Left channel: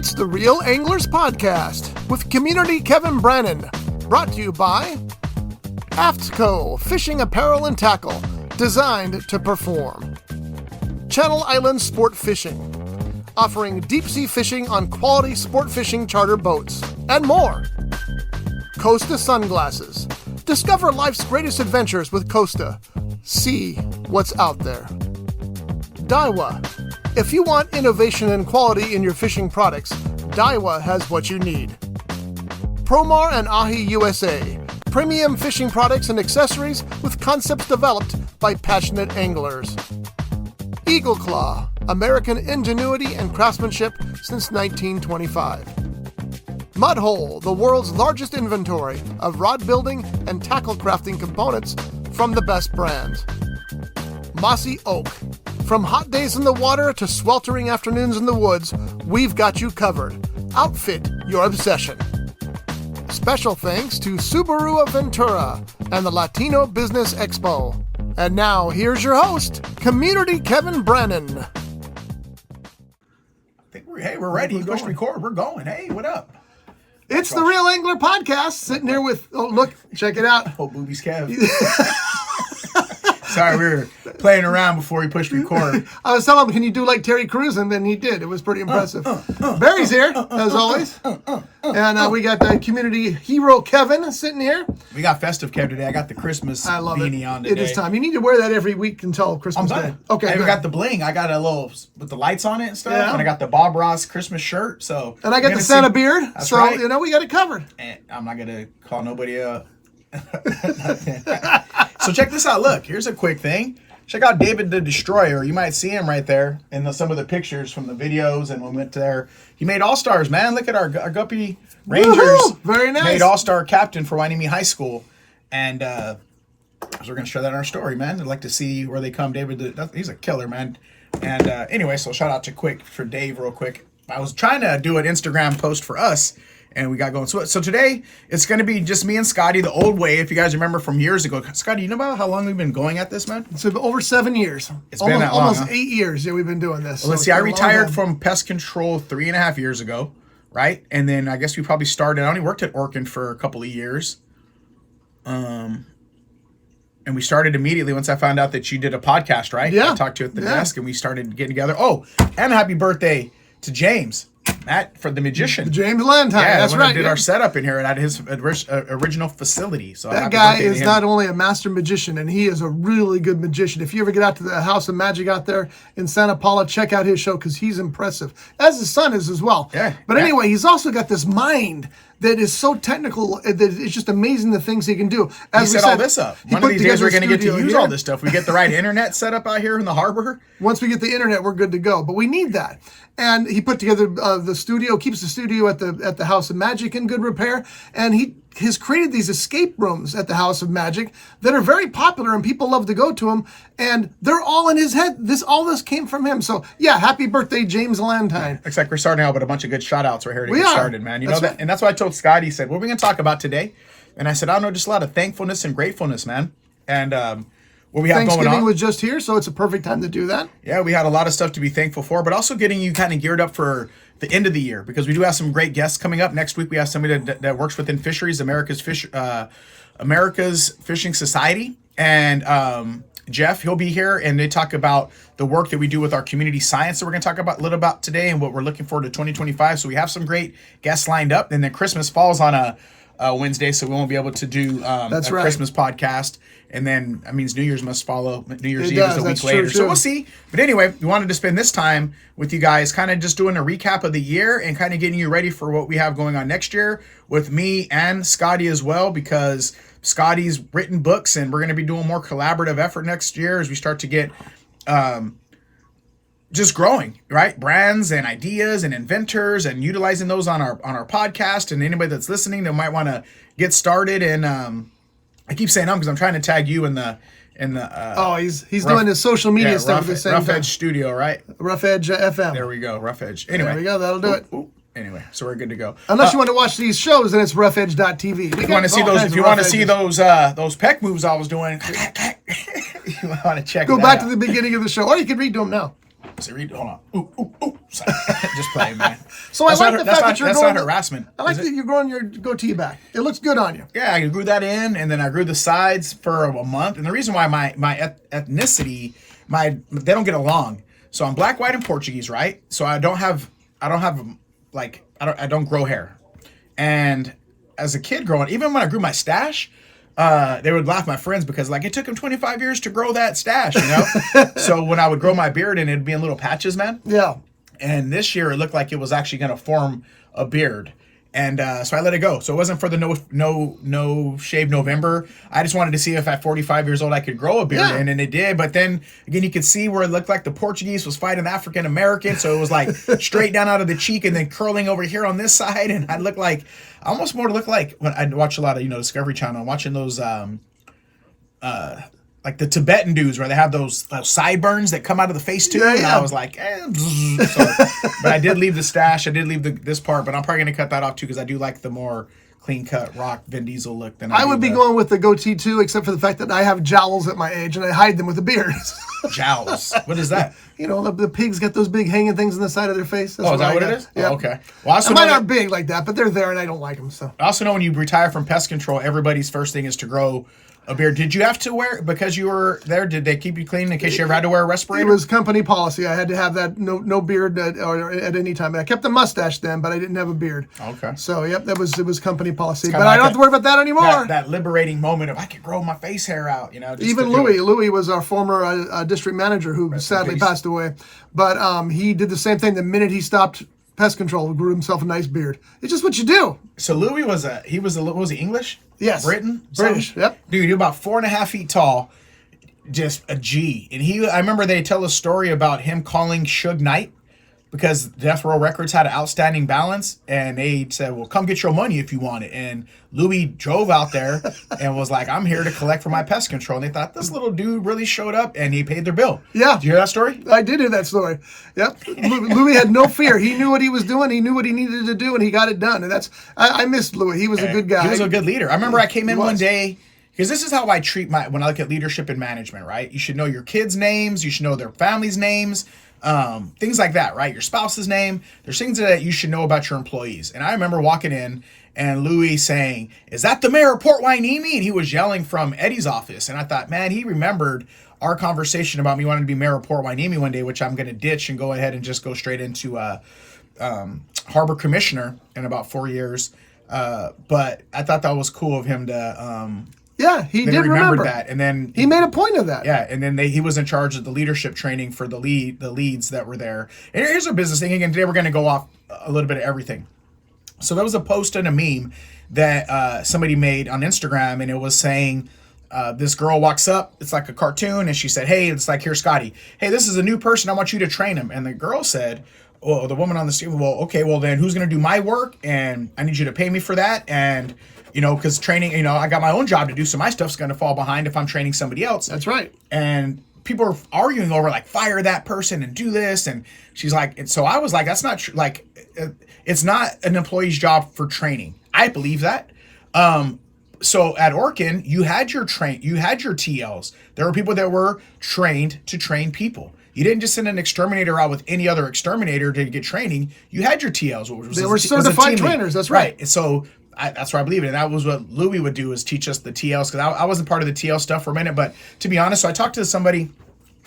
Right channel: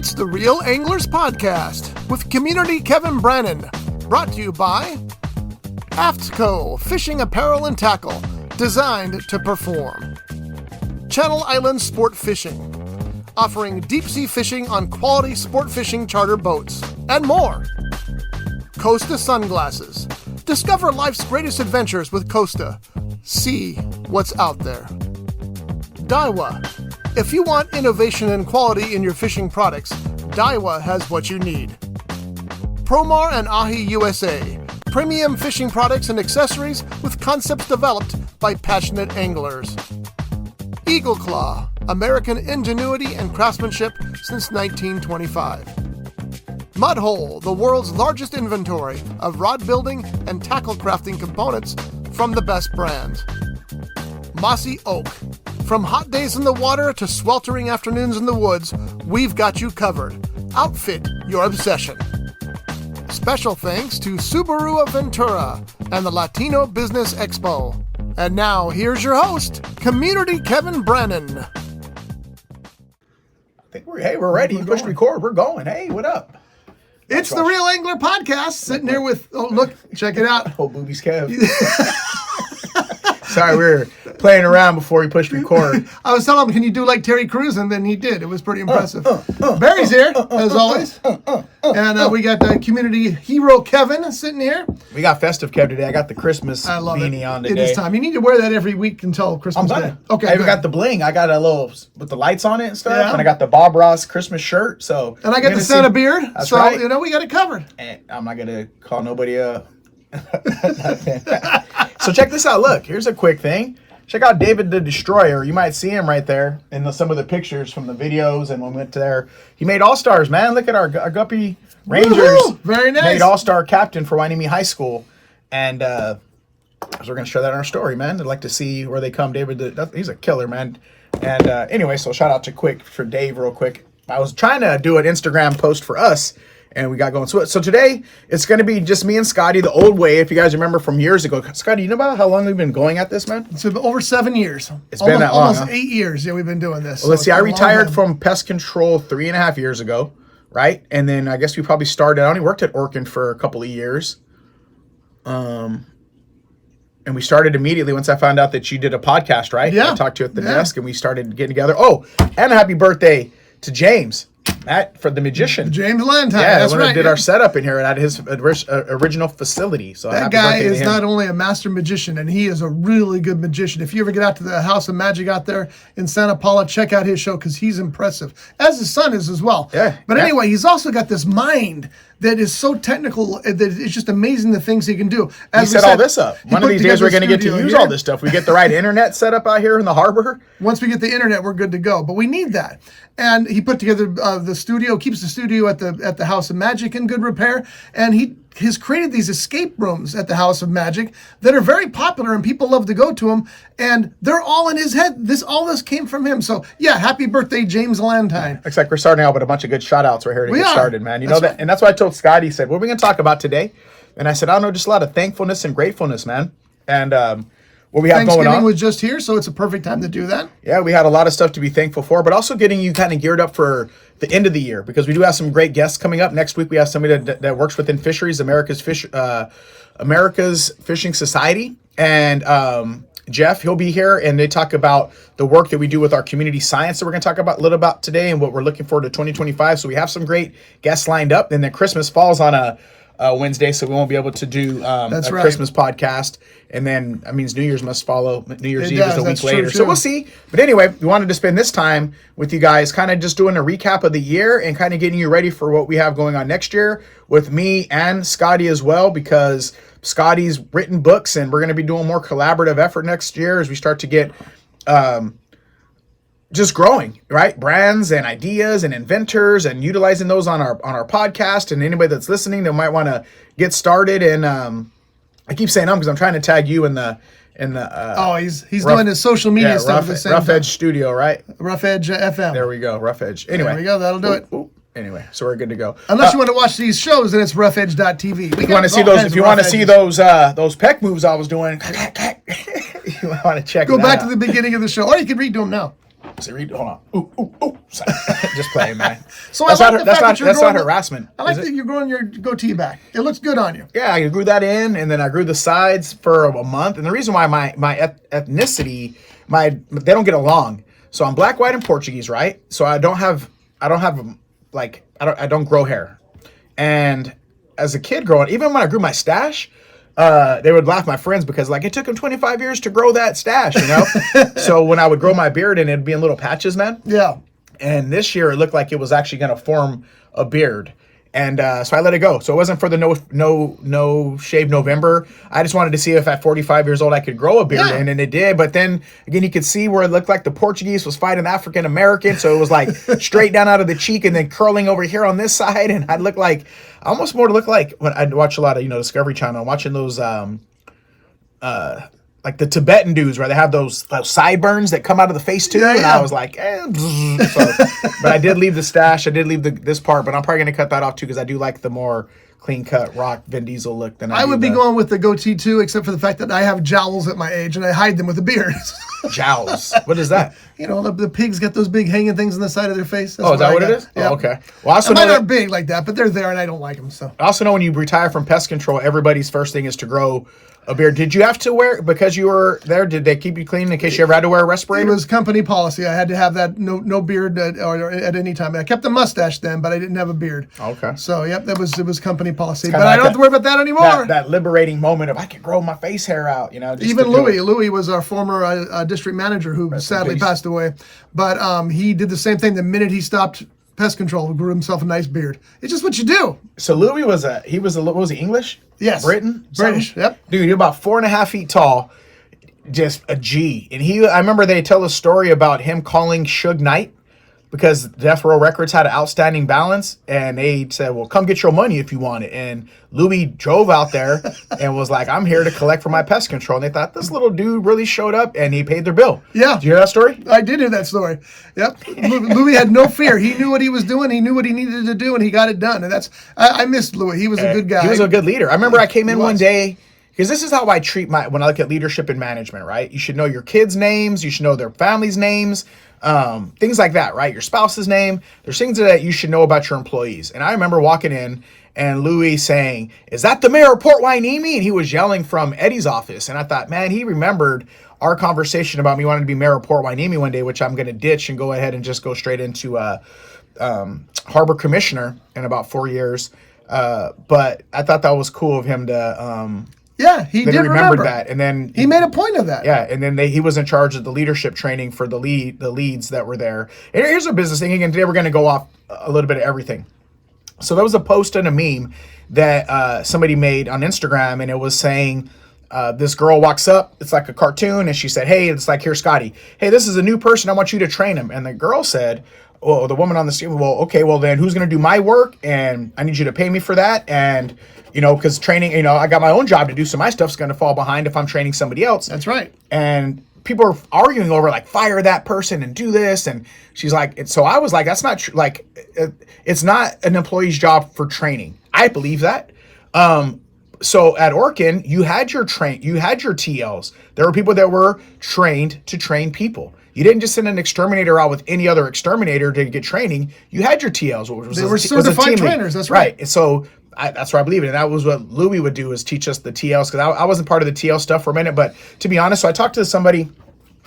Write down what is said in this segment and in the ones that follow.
It's the Reel Anglers Podcast with community Kevin Brannon, brought to you by AFTCO Fishing Apparel and Tackle, designed to perform. Channel Islands Sport Fishing, offering deep-sea fishing on quality sport fishing charter boats, and more. Costa Sunglasses. Discover life's greatest adventures with Costa. See what's out there. Daiwa. If you want innovation and quality in your fishing products, Daiwa has what you need. Promar and Ahi USA. Premium fishing products and accessories with concepts developed by passionate anglers. Eagle Claw. American ingenuity and craftsmanship since 1925. Mudhole, the world's largest inventory of rod building and tackle crafting components from the best brands. Mossy Oak. From hot days in the water to sweltering afternoons in the woods, we've got you covered. Outfit your obsession. Special thanks to Subaru of Ventura and the Latino Business Expo. And now, here's your host, Community Kevin Brannon. I think we're ready. Push record. We're going. Hey, what up? It's the Reel Angler Podcast. Sitting here with, oh, look, check it out. Oh, boobies, Kev. Sorry, we were playing around before he pushed record. I was telling him, can you do like Terry Crews? And then he did. It was pretty impressive. Barry's here, as always. And we got the community hero Kevin sitting here. We got festive Kev today. I got the Christmas beanie on today. It is time. You need to wear that every week until Christmas Day. Okay. I even got the bling. I got a little with the lights on it and stuff. Yeah. And I got the Bob Ross Christmas shirt. So and I got the Santa beard. That's so, right. We got it covered. And I'm not going to call nobody So check this out. Look, here's a quick thing. Check out David the Destroyer. You might see him right there in some of the pictures from the videos and when we went to there. He made All-Stars, man. Look at our Guppy Rangers. Woo-hoo! Very nice. Made All-Star captain for Wainimi High School. And so we're going to share that in our story, man. I'd like to see where they come. He's a killer, man. And anyway, so shout out for Dave real quick. I was trying to do an Instagram post for us. And we got going. So today, it's going to be just me and Scotty the old way, if you guys remember from years ago. Scotty, you know about how long we've been going at this, man? It's been over 7 years. It's been that long, almost 8 years, we've been doing this. Well, let's see. I retired from pest control 3.5 years ago, right? And then I guess we probably started. I only worked at Orkin for a couple of years. And we started immediately once I found out that you did a podcast, right? Yeah. I talked to you at the desk, and we started getting together. Oh, and a happy birthday to James. Matt, for the magician. James Lantine, yeah, that's right. Did our setup in here at his original facility. So that guy is not only a master magician, and he is a really good magician. If you ever get out to the House of Magic out there in Santa Paula, check out his show because he's impressive, as his son is as well. Yeah. But anyway, he's also got this mind that is so technical that it's just amazing the things he can do. As he set all this up. One of these days we're going to get to use all this stuff. We get the right internet set up out here in the harbor. Once we get the internet, we're good to go. But we need that. And he put together the studio, keeps the studio at the House of Magic in good repair. And he has created these escape rooms at the House of Magic that are very popular and people love to go to them. And they're all in his head. All this came from him. So yeah, happy birthday, James Lantine. Looks like we're starting out with a bunch of good shout outs right here to get started, man. You know that, right. And that's why I told Scotty, he said, what are we going to talk about today? And I said, I don't know, just a lot of thankfulness and gratefulness, man. And what we have going on. Thanksgiving was just here, so it's a perfect time to do that. Yeah, we had a lot of stuff to be thankful for, but also getting you kind of geared up for the end of the year because we do have some great guests coming up. Next week, we have somebody that works within fisheries, America's Fishing Society. And Jeff, he'll be here, and they talk about the work that we do with our community science that we're going to talk about a little about today and what we're looking forward to 2025. So we have some great guests lined up. And then Christmas falls on a Wednesday, so we won't be able to do Christmas podcast. And then that means New Year's must follow. New Year's Eve is a week later. So we'll see. But anyway, we wanted to spend this time with you guys kind of just doing a recap of the year and kind of getting you ready for what we have going on next year with me and Scotty as well, because Scotty's written books and we're going to be doing more collaborative effort next year as we start to get just growing, right? Brands and ideas and inventors and utilizing those on our podcast. And anybody that's listening that might want to get started. And I keep saying because I'm trying to tag you in the he's doing his social media stuff at the same Rough time. Edge Studio, right? Rough Edge FM. There we go, Rough Edge. Anyway, there we go. That'll do it. Anyway, so we're good to go. Unless you want to watch these shows, then it's roughedge.tv. If you want to see those, those peck moves I was doing, you want to check. Go back to the beginning of the show, or you can read them now. So hold on. Ooh. Sorry. Just playing, man. So that's I like the fact that you're that's growing. Not harassment. I like that you're growing your goatee back. It looks good on you. Yeah, I grew that in, and then I grew the sides for a month. And the reason why my ethnicity, they don't get along. So I'm black, white, and Portuguese, right? So I don't grow hair. And as a kid growing, even when I grew my stash, they would laugh, my friends, because like it took them 25 years to grow that stash, you know? So when I would grow my beard and it'd be in little patches, man. Yeah. And this year it looked like it was actually going to form a beard. And so I let it go. So it wasn't for the no shave November. I just wanted to see if at 45 years old I could grow a beard, and then it did. But then again, you could see where it looked like the Portuguese was fighting the African American. So it was like straight down out of the cheek and then curling over here on this side, and I'd look like almost more to look like when I'd watch a lot of Discovery Channel, watching those like the Tibetan dudes where they have those sideburns that come out of the face too. And I was like, but I did leave the stash. I did leave this part, but I'm probably going to cut that off too because I do like the more clean cut rock Vin Diesel look than I would be going with the goatee too, except for the fact that I have jowls at my age and I hide them with a beard. Jowls? What is that? The pigs get those big hanging things on the side of their face. That's is that what it is? Yeah. Oh, okay. Well, mine aren't big like that, but they're there and I don't like them. So I also know when you retire from pest control, everybody's first thing is to grow a beard. Did you have to wear, because you were there, did they keep you clean in case you ever had to wear a respirator? It was company policy. I had to have that no beard at any time. I kept the mustache then, but I didn't have a beard. Okay. So, yep, it was company policy. But I don't have to worry about that anymore. That liberating moment of I could grow my face hair out, Even Louis was our former district manager who sadly passed away. But he did the same thing the minute he stopped pest control, grew himself a nice beard. It's just what you do. So Louis was what was he, English? Yes. British, yep. Dude, you're about 4.5 feet tall, just a G. And I remember they tell a story about him calling Suge Knight because Death Row Records had an outstanding balance, and they said, well, come get your money if you want it. And Louis drove out there and was like, I'm here to collect for my pest control. And they thought, this little dude really showed up, and he paid their bill. Yeah. Did you hear that story? I did hear that story. Yep. Louis had no fear. He knew what he was doing. He knew what he needed to do, and he got it done. And I missed Louis. He was a good guy. He was a good leader. I remember I came in one day, because this is how I treat when I look at leadership and management, right? You should know your kids' names. You should know their families' names. Things like that, right? Your spouse's name. There's things that you should know about your employees. And I remember walking in and Louis saying, is that the mayor of Port Hueneme? And he was yelling from Eddie's office. And I thought, man, he remembered our conversation about me wanting to be mayor of Port Hueneme one day, which I'm going to ditch and go ahead and just go straight into harbor commissioner in about 4 years. But I thought that was cool of him to... Yeah, he did remember that, and then he made a point of that. Yeah, and then he was in charge of the leadership training for the leads that were there. And here's a business thing. Again, today we're going to go off a little bit of everything. So there was a post and a meme that somebody made on Instagram, and it was saying this girl walks up. It's like a cartoon, and she said, "Hey, it's like, here, Scotty. Hey, this is a new person. I want you to train him." And the girl said, "Well, the woman on the screen. Well, okay. Well, then who's going to do my work? And I need you to pay me for that." And because training, I got my own job to do, so my stuff's going to fall behind if I'm training somebody else. That's right. And people are arguing over, like, fire that person and do this. And she's like, and so I was like, that's not true. Like, it's not an employee's job for training. I believe that. So at Orkin, you had your TLs. There were people that were trained to train people. You didn't just send an exterminator out with any other exterminator to get training. You had your TLs. They were certified trainers. That's right. So that's where I believe it. And that was what Louis would do, is teach us the TLs, because I wasn't part of the TL stuff for a minute. But to be honest, so I talked to somebody.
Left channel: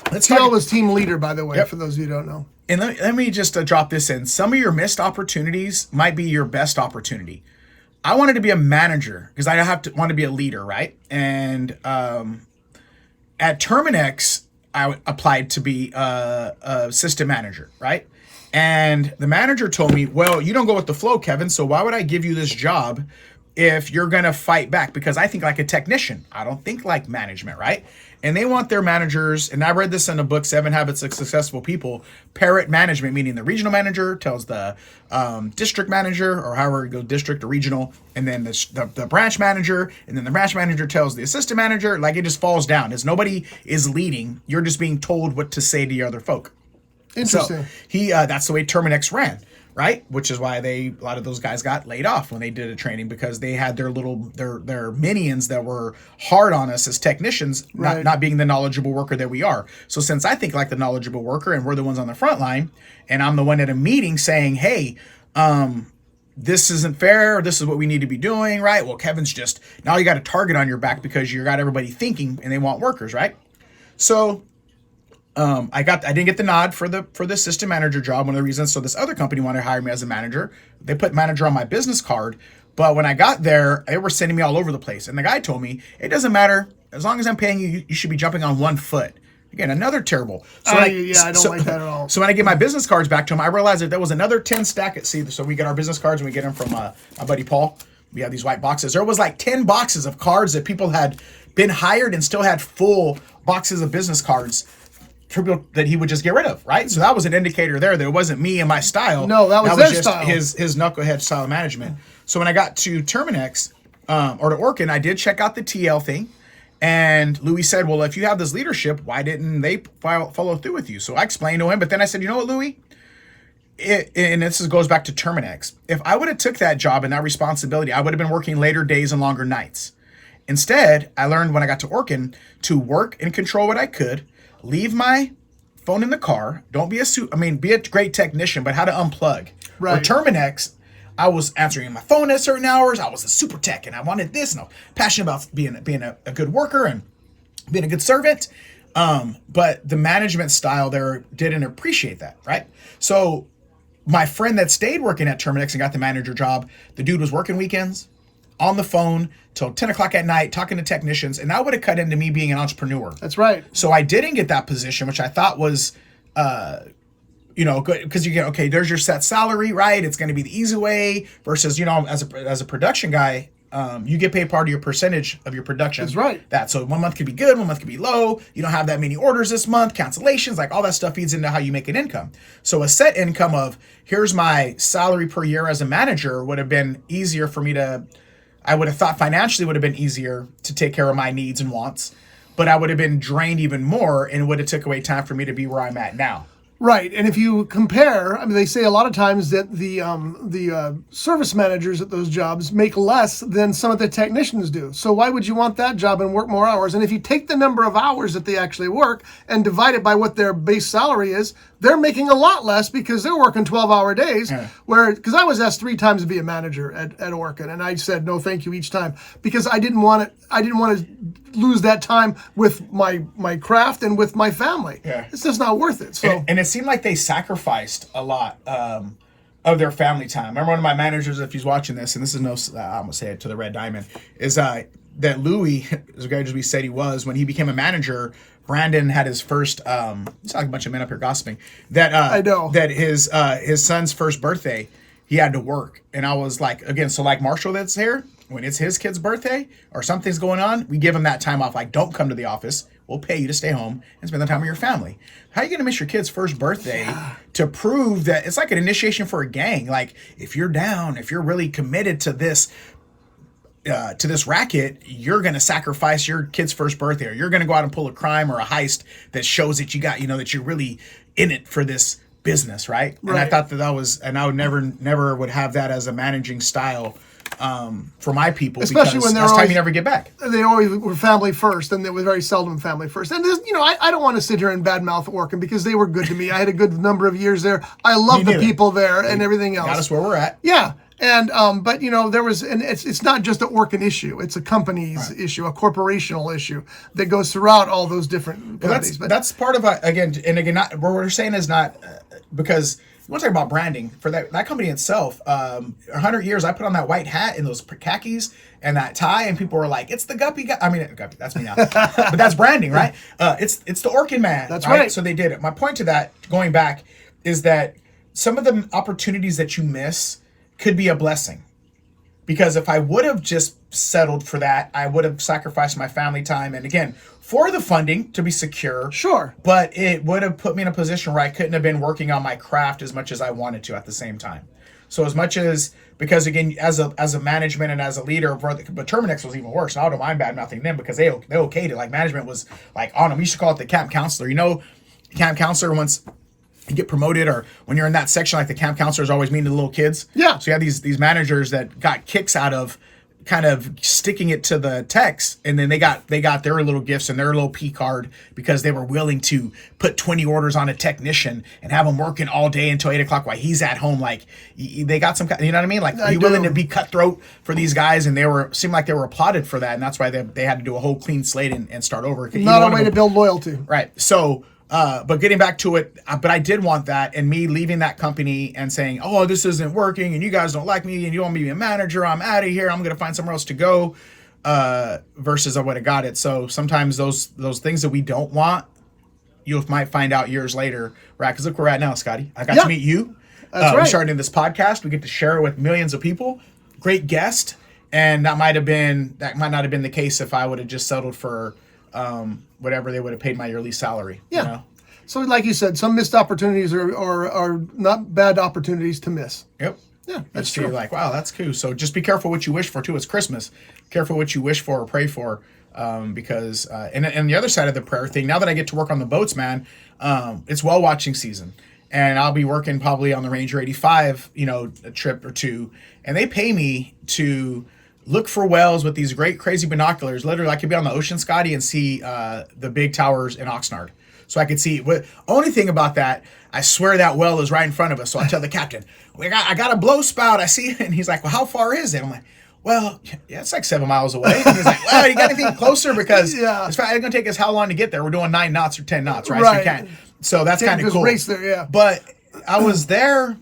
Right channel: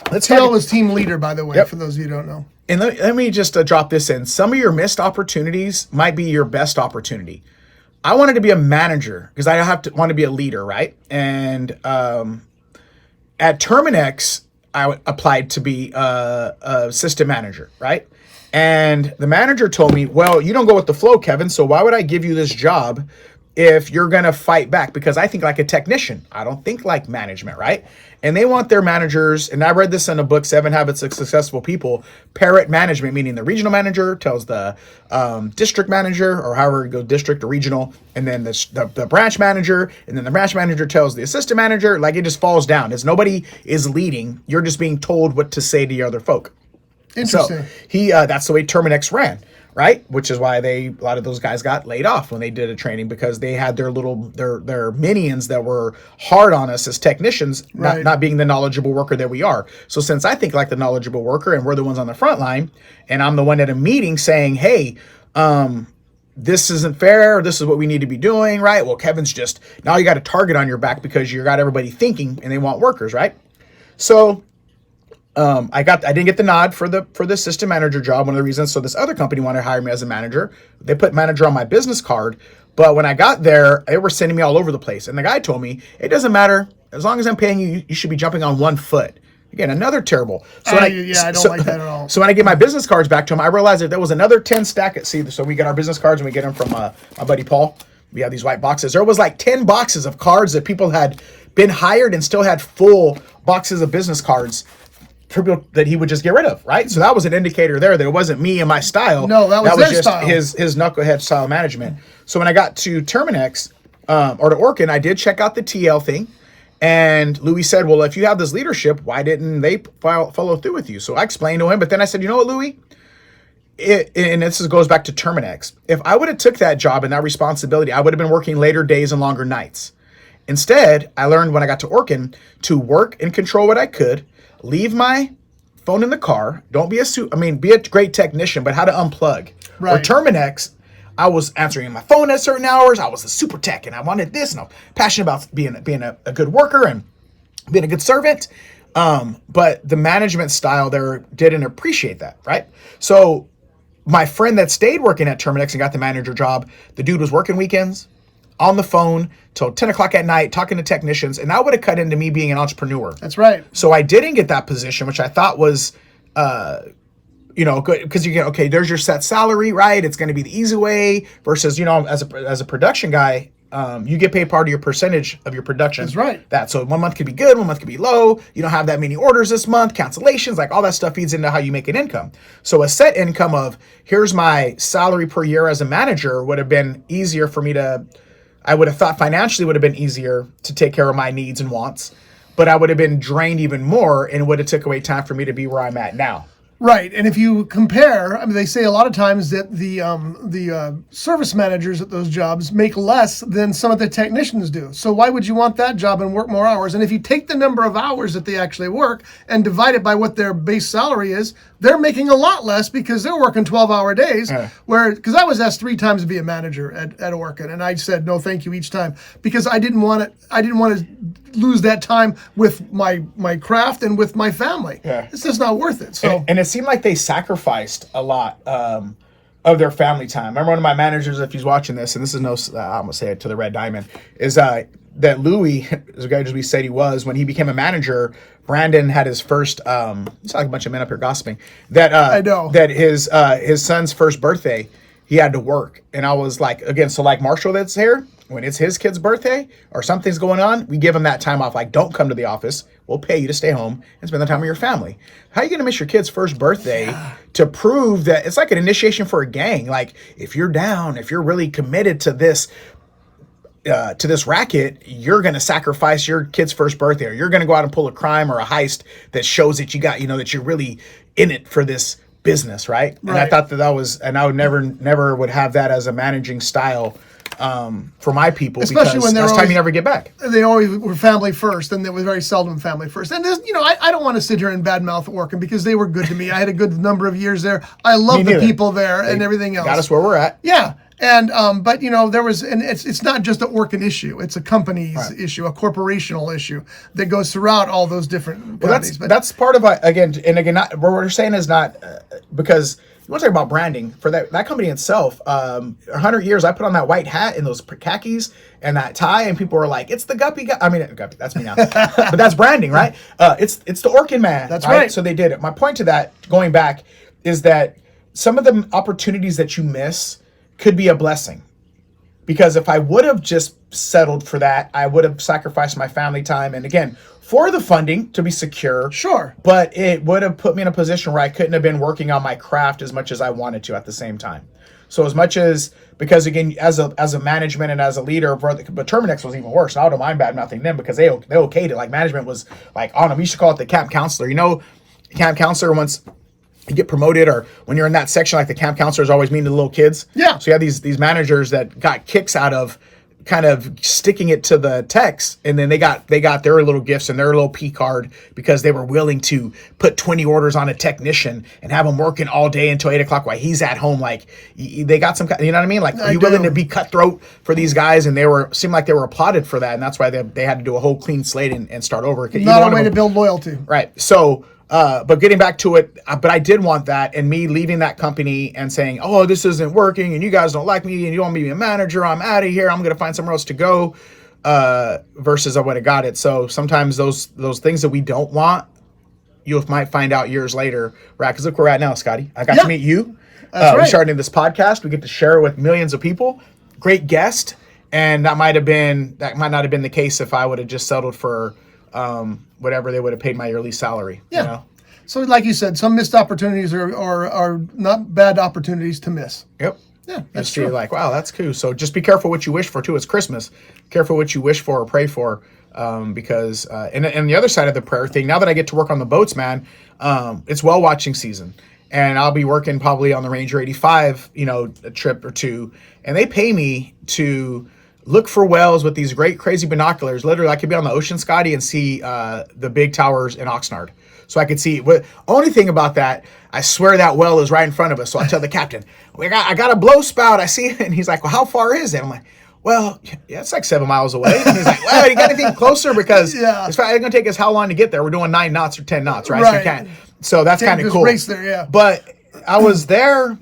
TL was team leader, by the way, for those of you who don't know. And let me just drop this in. Some of your missed opportunities might be your best opportunity. I wanted to be a manager because I want to be a leader, right? And at Terminex, I applied to be a assistant manager, right? And the manager told me, well, you don't go with the flow, Kevin, so why would I give you this job if you're going to fight back? Because I think like a technician. I don't think like management, right? And they want their managers, and I read this in a book, 7 Habits of Successful People, parrot management, meaning the regional manager tells the district manager, or however you go, district or regional, and then the branch manager, and then the branch manager tells the assistant manager. Like, it just falls down. As nobody is leading, you're just being told what to say to the other folk. Interesting. So that's the way Terminex ran. right? Which is why a lot of those guys got laid off when they did a training, because they had their minions that were hard on us as technicians, Right. not being the knowledgeable worker that we are. So since I think like the knowledgeable worker and we're the ones on the front line, and I'm the one at a meeting saying, hey, this isn't fair, this is what we need to be doing, right? Well, Kevin's just, now you got a target on your back because you got everybody thinking and they want workers, right? So I didn't get the nod for the assistant manager job. One of the reasons, so this other company wanted to hire me as a manager. They put manager on my business card, but when I got there, they were sending me all over the place. And the guy told me, it doesn't matter, as long as I'm paying you, you should be jumping on 1 foot. Again, another terrible. So I don't like that at all. So when I get my business cards back to him, I realized that there was another 10 stack at sea. So we get our business cards and we get them from my buddy Paul. We have these white boxes. There was like 10 boxes of cards that people had been hired and still had full boxes of business cards that he would just get rid of, right? So that was an indicator there that it wasn't me and my style. No, that was their just style. His knucklehead style management. So when I got to Terminex, or to Orkin, I did check out the TL thing. And Louis said, well, if you have this leadership, why didn't they follow through with you? So I explained to him, but then I said, you know what, Louis? And this goes back to Terminex. If I would have took that job and that responsibility, I would have been working later days and longer nights. Instead, I learned when I got to Orkin to work and control what I could, leave my phone in the car, be a great technician, but how to unplug. Right. Or Terminex, I was answering my phone at certain hours. I was a super tech and I wanted this, and I was passionate about being a good worker and being a good servant. But the management style there didn't appreciate that, right? So my friend that stayed working at Terminex and got the manager job, the dude was working weekends on the phone till 10 o'clock at night, talking to technicians, and that would have cut into me being an entrepreneur. That's right. So I didn't get that position, which I thought was, good, because you get, okay, there's your set salary, right? It's going to be the easy way versus, as a production guy, you get paid part of your percentage of your production. That's right. So 1 month could be good, 1 month could be low. You don't have that many orders this month, cancellations, like all that stuff feeds into how you make an income. So a set income of here's my salary per year as a manager would have been easier for me I would have thought financially would have been easier to take care of my needs and wants, but I would have been drained even more and would have took away time for me to be where I'm at now. Right, and if you compare, they say a lot of times that the service managers at those jobs make less than some of the technicians do. So why would you want that job and work more hours? And if you take the number of hours that they actually work and divide it by what their base salary is, they're making a lot less because they're working 12-hour days. Because I was asked 3 times to be a manager at Orkin, and I said no, thank you each time because I didn't want to lose that time with my craft and with my family. Yeah. It's just not worth it. So and it seemed like they sacrificed a lot of their family time. I remember one of my managers, if he's watching this, and this is I'm gonna say it to the Red Diamond, is that Louis, as guy as we said he was, when he became a manager, Brandon had his first. It's like a bunch of men up here gossiping. I know that his son's first birthday, he had to work, and I was like, again, so like Marshall that's here. When it's his kid's birthday or something's going on, we give him that time off. Like, don't come to the office. We'll pay you to stay home and spend the time with your family. How are you going to miss your kid's first birthday to prove that it's like an initiation for a gang? Like, if you're down, if you're really committed to this racket, you're going to sacrifice your kid's first birthday, or you're going to go out and pull a crime or a heist that shows that you got, that you're really in it for this business, right? And I thought that was, and I would never would have that as a managing style for my people, especially because when that's time you never get back. They always were family first, and it was very seldom family first. And I don't want to sit here and badmouth Orkin because they were good to me. I had a good number of years there. I love the people there and everything else. Got us where we're at. Yeah. And but there was, and it's not just an Orkin issue; it's a company's issue, a corporational issue that goes throughout all those different companies. That's part of again, not, what we're saying is not because you want to talk about branding for that company itself. 100 years, I put on that white hat and those khakis and that tie, and people were like, "It's the Guppy guy." I mean, Guppy, that's me now, but that's branding, right? It's the Orkin man. That's right. So they did it. My point to that, going back, is that some of the opportunities that you miss could be a blessing, because if I would have just settled for that, I would have sacrificed my family time, and again, for the funding to be secure. Sure. But it would have put me in a position where I couldn't have been working on my craft as much as I wanted to at the same time. So as much as, because again, as a management and as a leader, but Terminex was even worse. And I don't mind bad mouthing them because they okayed it. Like, management was like on them. We should call it the camp counselor. Camp counselor, once you get promoted, or when you're in that section, like the camp counselors always mean to the little kids. Yeah. So you have these managers that got kicks out of kind of sticking it to the techs, and then they got their little gifts and their little P card because they were willing to put 20 orders on a technician and have them working all day until 8 o'clock while he's at home. Like they got some, you know what I mean? Like you're willing to be cutthroat for these guys, and seemed like they were applauded for that, and that's why they had to do a whole clean slate and start over. Not a way to build loyalty. Right. So, but getting back to it, but I did want that, and me leaving that company and saying, oh, this isn't working, and you guys don't like me, and you don't want me to be a manager, I'm out of here, I'm going to find somewhere else to go, versus I would have got it. So sometimes those things that we don't want, you might find out years later, right? Because look where we're at now, Scotty. I got to meet you. That's right. We're starting this podcast. We get to share it with millions of people. Great guest. And that might not have been the case if I would have just settled for whatever they would have paid my yearly salary. Yeah. You know? So like you said, some missed opportunities are not bad opportunities to miss. Yep. Yeah, that's true. You're like, wow, that's cool. So just be careful what you wish for too. It's Christmas. Careful what you wish for or pray for, because and the other side of the prayer thing. Now that I get to work on the boats, man, it's whale watching season, and I'll be working probably on the Ranger 85, a trip or two, and they pay me to look for whales with these great crazy binoculars. Literally, I could be on the ocean, Scotty, and see the big towers in Oxnard. So I could see. But only thing about that, I swear that whale is right in front of us. So I tell the captain, I got a blow spout. I see it. And he's like, well, how far is it? I'm like, well, yeah, it's like 7 miles away. And he's like, well, you got anything closer? Because it's going to take us how long to get there? We're doing 9 knots or 10 knots, right? Right. So that's kind of cool. Race there, yeah. But I was there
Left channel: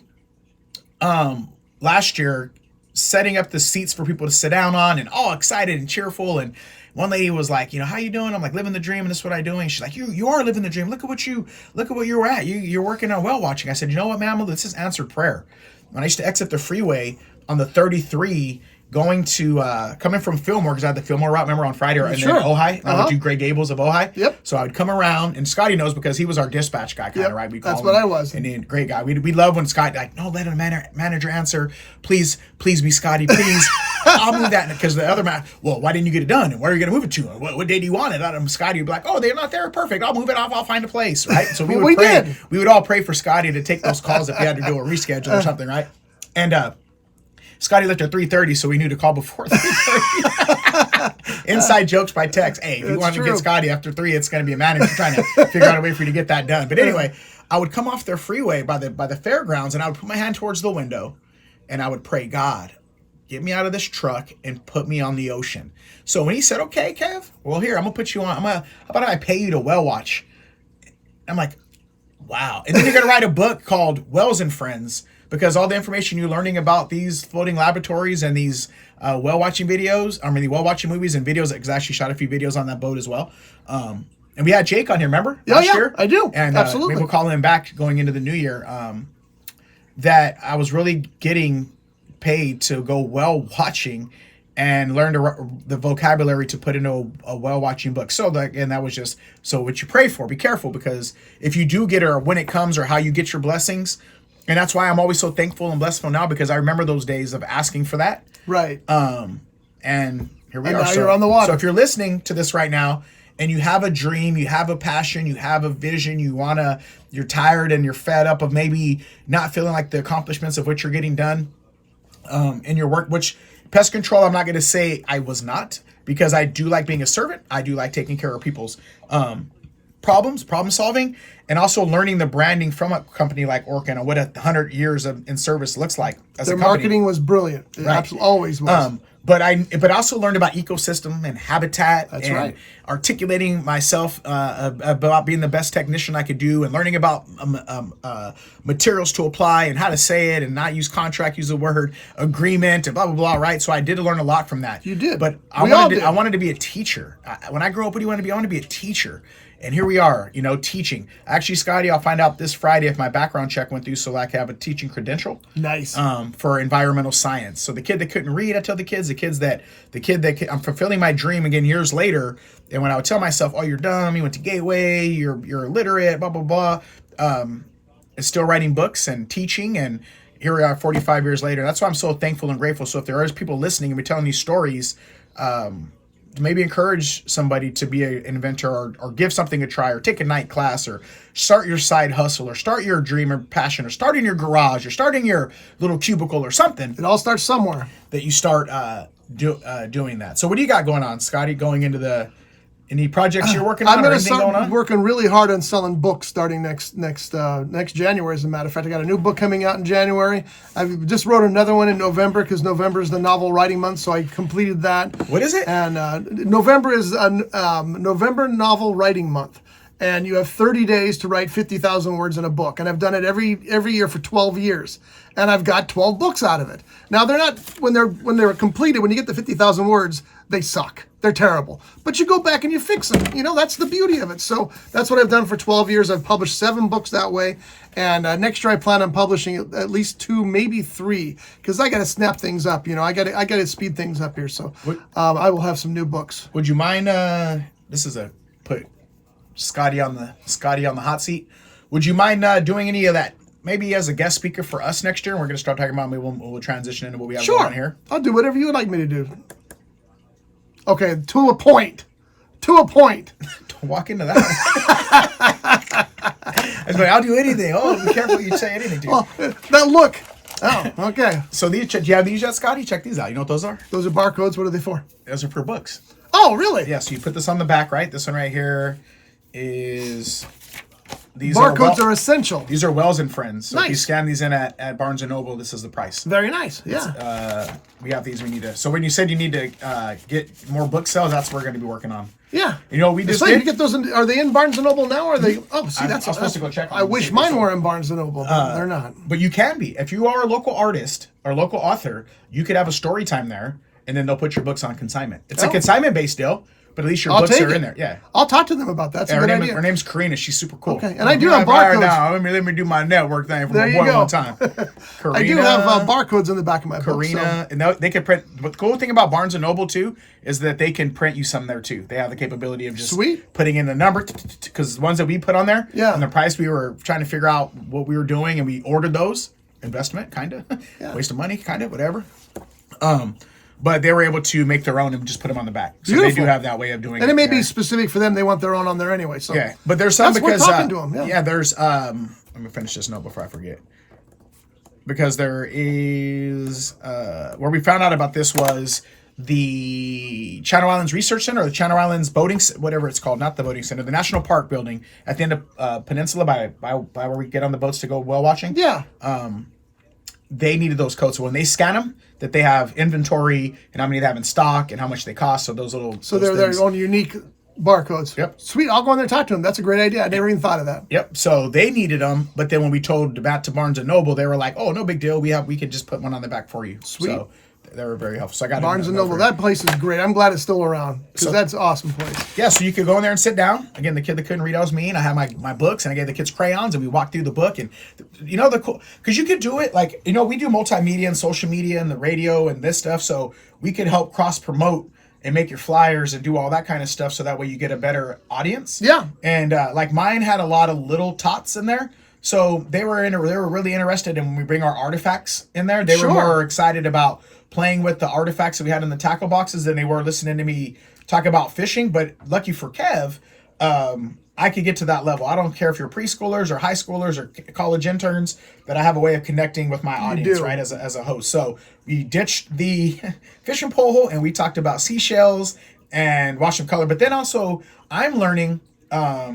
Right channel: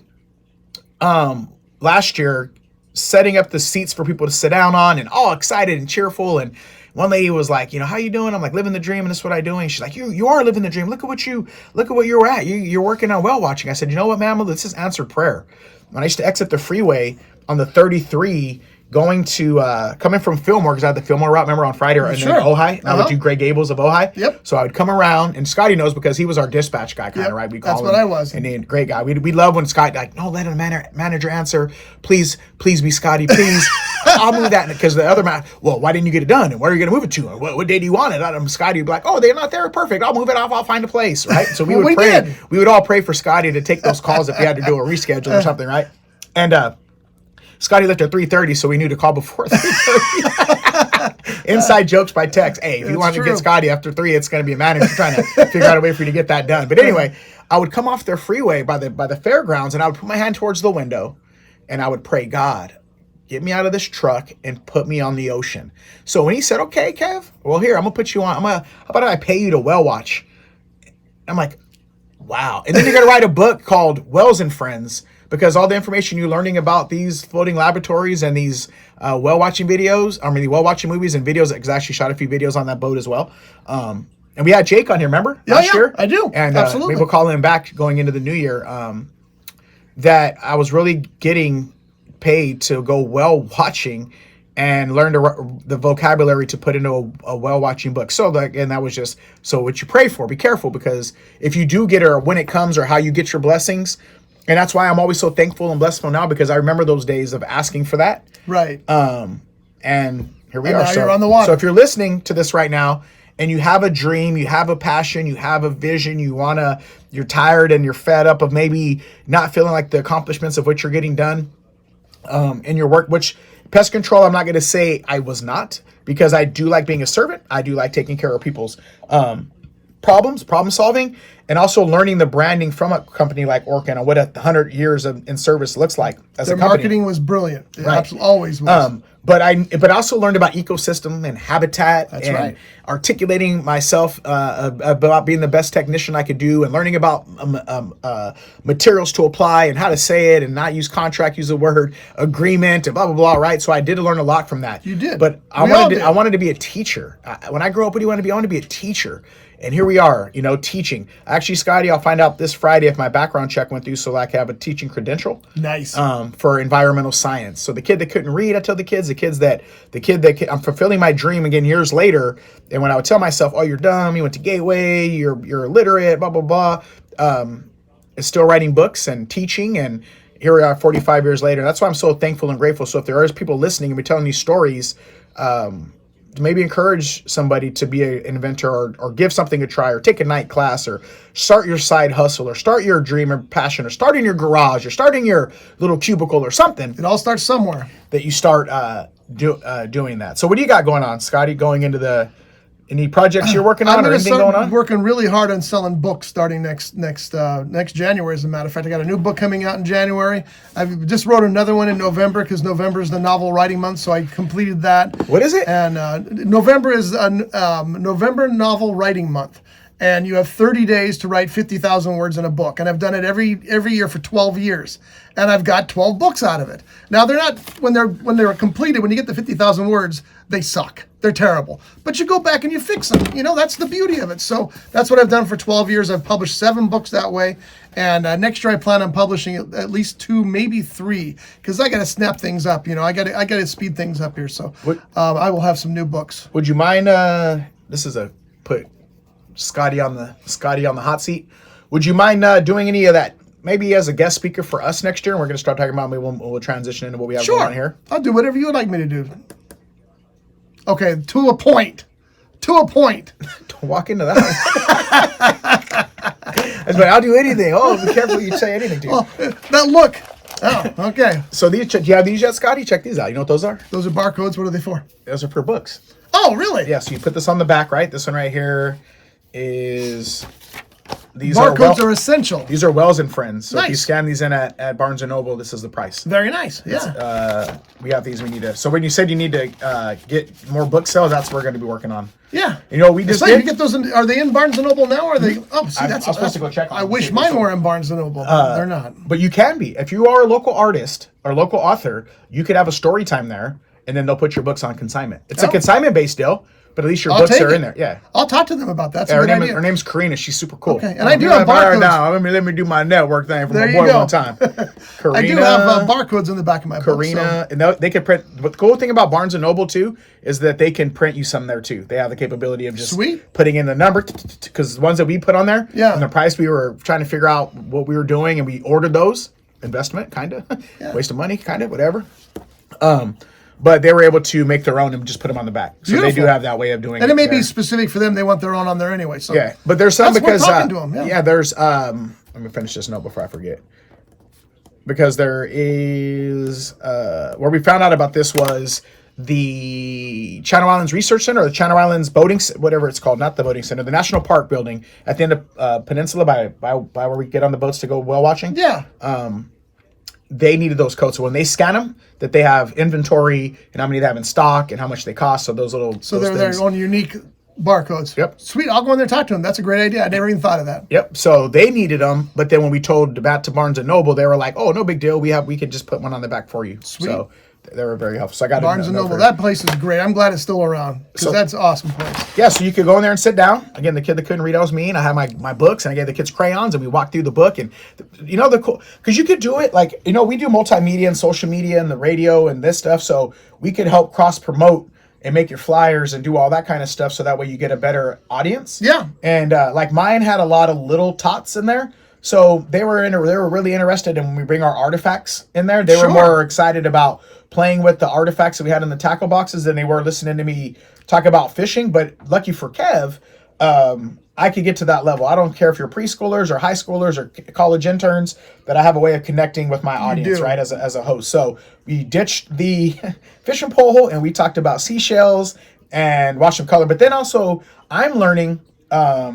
last year setting up the seats for people to sit down on and all excited and cheerful. And one lady was like, how you doing? I'm like, living the dream, and this is what I'm doing. She's like, you are living the dream. Look at what you're at. You're working on whale watching. I said, you know what, ma'am? This is answered prayer. When I used to exit the freeway on the 33, going to coming from Fillmore, because I had the Fillmore route, remember, on Friday, and then Ojai, and I would do Grey Gables of Ojai. Yep. So I would come around, and Scotty knows because he was our dispatch guy, kind of, right? We call That's him. what I was. And then great guy. We love when Scotty like, no, let a manager answer. Please be Scotty, please. I'll move that, because the other man, well, why didn't you get it done? And where are you going to move it to? What day do you want it? Scotty would be like, oh, they're not there. Perfect. I'll move it off. I'll find a place, right? So we would pray. We would all pray for Scotty to take those calls if we had to do a reschedule or something, right? And Scotty left at 3:30, so we knew to call before 3:30. Inside jokes by text. Hey, if you want to get Scotty after 3, it's going to be a manager trying to figure out a way for you to get that done. But anyway, I would come off their freeway by the fairgrounds, and I would put my hand towards the window, and I would pray, God, get me out of this truck and put me on the ocean. So when he said, okay, Kev, well, here, I'm going to put you on. How about I pay you to whale watch? I'm like, wow. And then you're going to write a book called Whales and Friends, because all the information you're learning about these floating laboratories and these whale watching videos, the whale watching movies and videos, because I actually shot a few videos on that boat as well. And we had Jake on here, remember? Last year? I do. And absolutely. Maybe we'll call him back going into the new year. That I was really getting paid to go whale watching and learn the vocabulary to put into a whale watching book. So that was just, so what you pray for, be careful, because if you do get it, or when it comes, or how you get your blessings. And that's why I'm always so thankful and blessful now, because I remember those days of asking for that. Right. And here we are. Now you're on the water. So if you're listening to this right now and you have a dream, you have a passion, you have a vision, you're tired and you're fed up of maybe not feeling like the accomplishments of what you're getting done in your work, which pest control, I'm not going to say I was not, because I do like being a servant. I do like taking care of people's problem solving, and also learning the branding from a company like Orkin and what 100 years in service looks like as a company. Their marketing was brilliant. It always was. But I also learned about ecosystem and habitat. That's right. Articulating myself about being the best technician I could do, and learning about materials to apply and how to say it and not use contract, use the word agreement and blah, blah, blah, right? So I did learn a lot from that. You did. But I wanted to be a teacher. When I grew up, what do you want to be? I want to be a teacher. And here we are, teaching. Actually, Scotty, I'll find out this Friday if my background check went through, so I can have a teaching credential. Nice. For environmental science. So the kid that couldn't read, I tell the kid that I'm fulfilling my dream again years later. And when I would tell myself, oh, you're dumb, you went to Gateway, you're illiterate, blah, blah, blah. It's still writing books and teaching, and here we are 45 years later. That's why I'm so thankful and grateful. So if there are people listening and we're telling these stories, maybe encourage somebody to be an inventor or give something a try or take a night class or start your side hustle or start your dream or passion or start in your garage or starting your little cubicle or something. It all starts somewhere. That you start doing that. So what do you got going on, Scotty, going into any projects you're working on? I'm or going to anything start going on? working really hard on selling books starting next January. As a matter of fact, I got a new book coming out in January. I just wrote another one in November because November is the novel writing month, so I completed that. What is it? And November is November novel writing month, and you have 30 days to write 50,000 words in a book. And I've done it every year for 12 years, and I've got 12 books out of it. Now they're not when they're completed. When you get the 50,000 words, they suck. They're terrible. But you go back and you fix them. You know, that's the beauty of it. So that's what I've done for 12 years. I've published 7 books that way. And next year I plan on publishing at least 2, maybe 3, because I got to snap things up. You know, I got to speed things up here. So I will have some new books. Would you mind? This is put Scotty on the hot seat. Would you mind doing any of that? Maybe as a guest speaker for us next year. And we're going to start talking about. Maybe we'll transition into what we have going on here. I'll do whatever you would like me to do. Okay, to a point. Don't walk into that. I was like, I'll do anything. Oh, be careful you say anything, dude. Oh, that look. Oh, okay. So do you have these yet, Scotty? Check these out. You know what those are? Those are barcodes. What are they for? Those are for books. Oh, really? Yeah, so you put this on the back, right? This one right here is... These barcodes are essential. These are Wells and Friends. So nice. If you scan these in at Barnes & Noble, this is the price. Very nice. Yeah. We got these. We need to. So when you said you need to get more book sales, that's what we're going to be working on. Yeah. You know what we just did? You get those are they in Barnes & Noble now? Or are they? Oh, see, I was supposed to go check on I them. wish mine were in Barnes & Noble. But they're not. But you can be. If you are a local artist or local author, you could have a story time there, and then they'll put your books on consignment. It's a consignment-based deal. But at least your books are in there. Yeah. I'll talk to them about that. That's a good idea. Her name's Karina. She's super cool. Okay. And I do have barcodes. Now, let me do my network thing for my boy one time. Karina, I do have barcodes in the back of my book. Karina, and they can print. But the cool thing about Barnes & Noble, too, is that they can print you some there, too. They have the capability of just putting in the number. Because the ones that we put on there, and the price, we were trying to figure out what we were doing, and we ordered those. Investment, kind of. Waste of money, kind of, whatever. But they were able to make their own and just put them on the back. So they do have that way of doing it. And it may be specific for them. They want their own on there anyway. So yeah, but there's some because we're talking to them. Yeah, there's let me finish this note before I forget. Because there is where we found out about this was the Channel Islands Research Center or the Channel Islands Boating, whatever it's called, not the boating center, the National Park building at the end of Peninsula by where we get on the boats to go whale watching. Yeah. They needed those codes. So when they scan them, that they have inventory and how many they have in stock and how much they cost. So those little... So they're their own unique barcodes. Yep. Sweet. I'll go in there and talk to them. That's a great idea. I never even thought of that. Yep. So they needed them. But then when we told that to Barnes & Noble, they were like, oh, no big deal. We could just put one on the back for you. Sweet. So they were very helpful. So I got Barnes & Noble. That place is great. I'm glad it's still around because that's an awesome place. Yeah, so you could go in there and sit down. Again, the kid that couldn't read, that was me, and I had my books, and I gave the kids crayons, and we walked through the book. And you know, the cool, because you could do it like, you know, we do multimedia and social media and the radio and this stuff, so we could help cross promote and make your flyers and do all that kind of stuff, so that way you get a better audience. Yeah. And like mine had a lot of little tots in there. So they were really interested in when we bring our artifacts in there. They were more excited about playing with the artifacts that we had in the tackle boxes than they were listening to me talk about fishing. But lucky for Kev, I could get to that level. I don't care if you're preschoolers or high schoolers or college interns, that I have a way of connecting with my audience, right, as a host. So we ditched the fishing pole and we talked about seashells and wash them color. But then also I'm learning a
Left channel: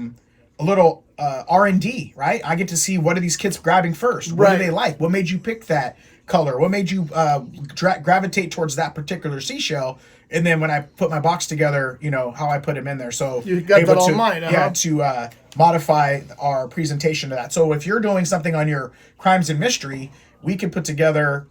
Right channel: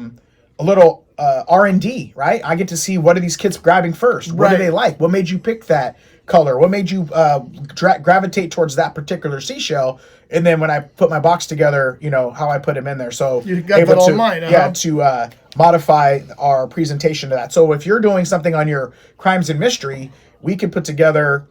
little R&D, right? I get to see what are these kids grabbing first? What do they like? What made you pick that color? What made you gravitate towards that particular seashell? And then when I put my box together, you know, how I put them in there. So you got that all in mind, yeah, to modify our presentation to that. So if you're doing something on your crimes and mystery, we can put together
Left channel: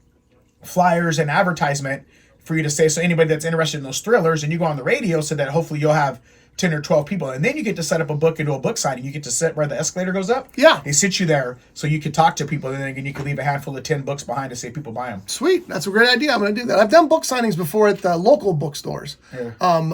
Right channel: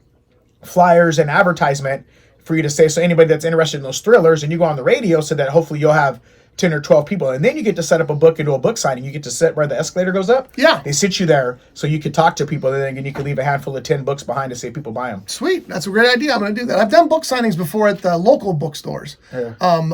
flyers and advertisement for you to say, so anybody that's interested in those thrillers, and you go on the radio so that hopefully you'll have 10 or 12 people, and then you get to set up a book into a book signing. You get to sit where the escalator goes up. Yeah. They sit you there so you could talk to people, and then you could leave a handful of 10 books behind to see if people buy them. Sweet. That's a great idea. I'm going to do that. I've done book signings before at the local bookstores. Yeah.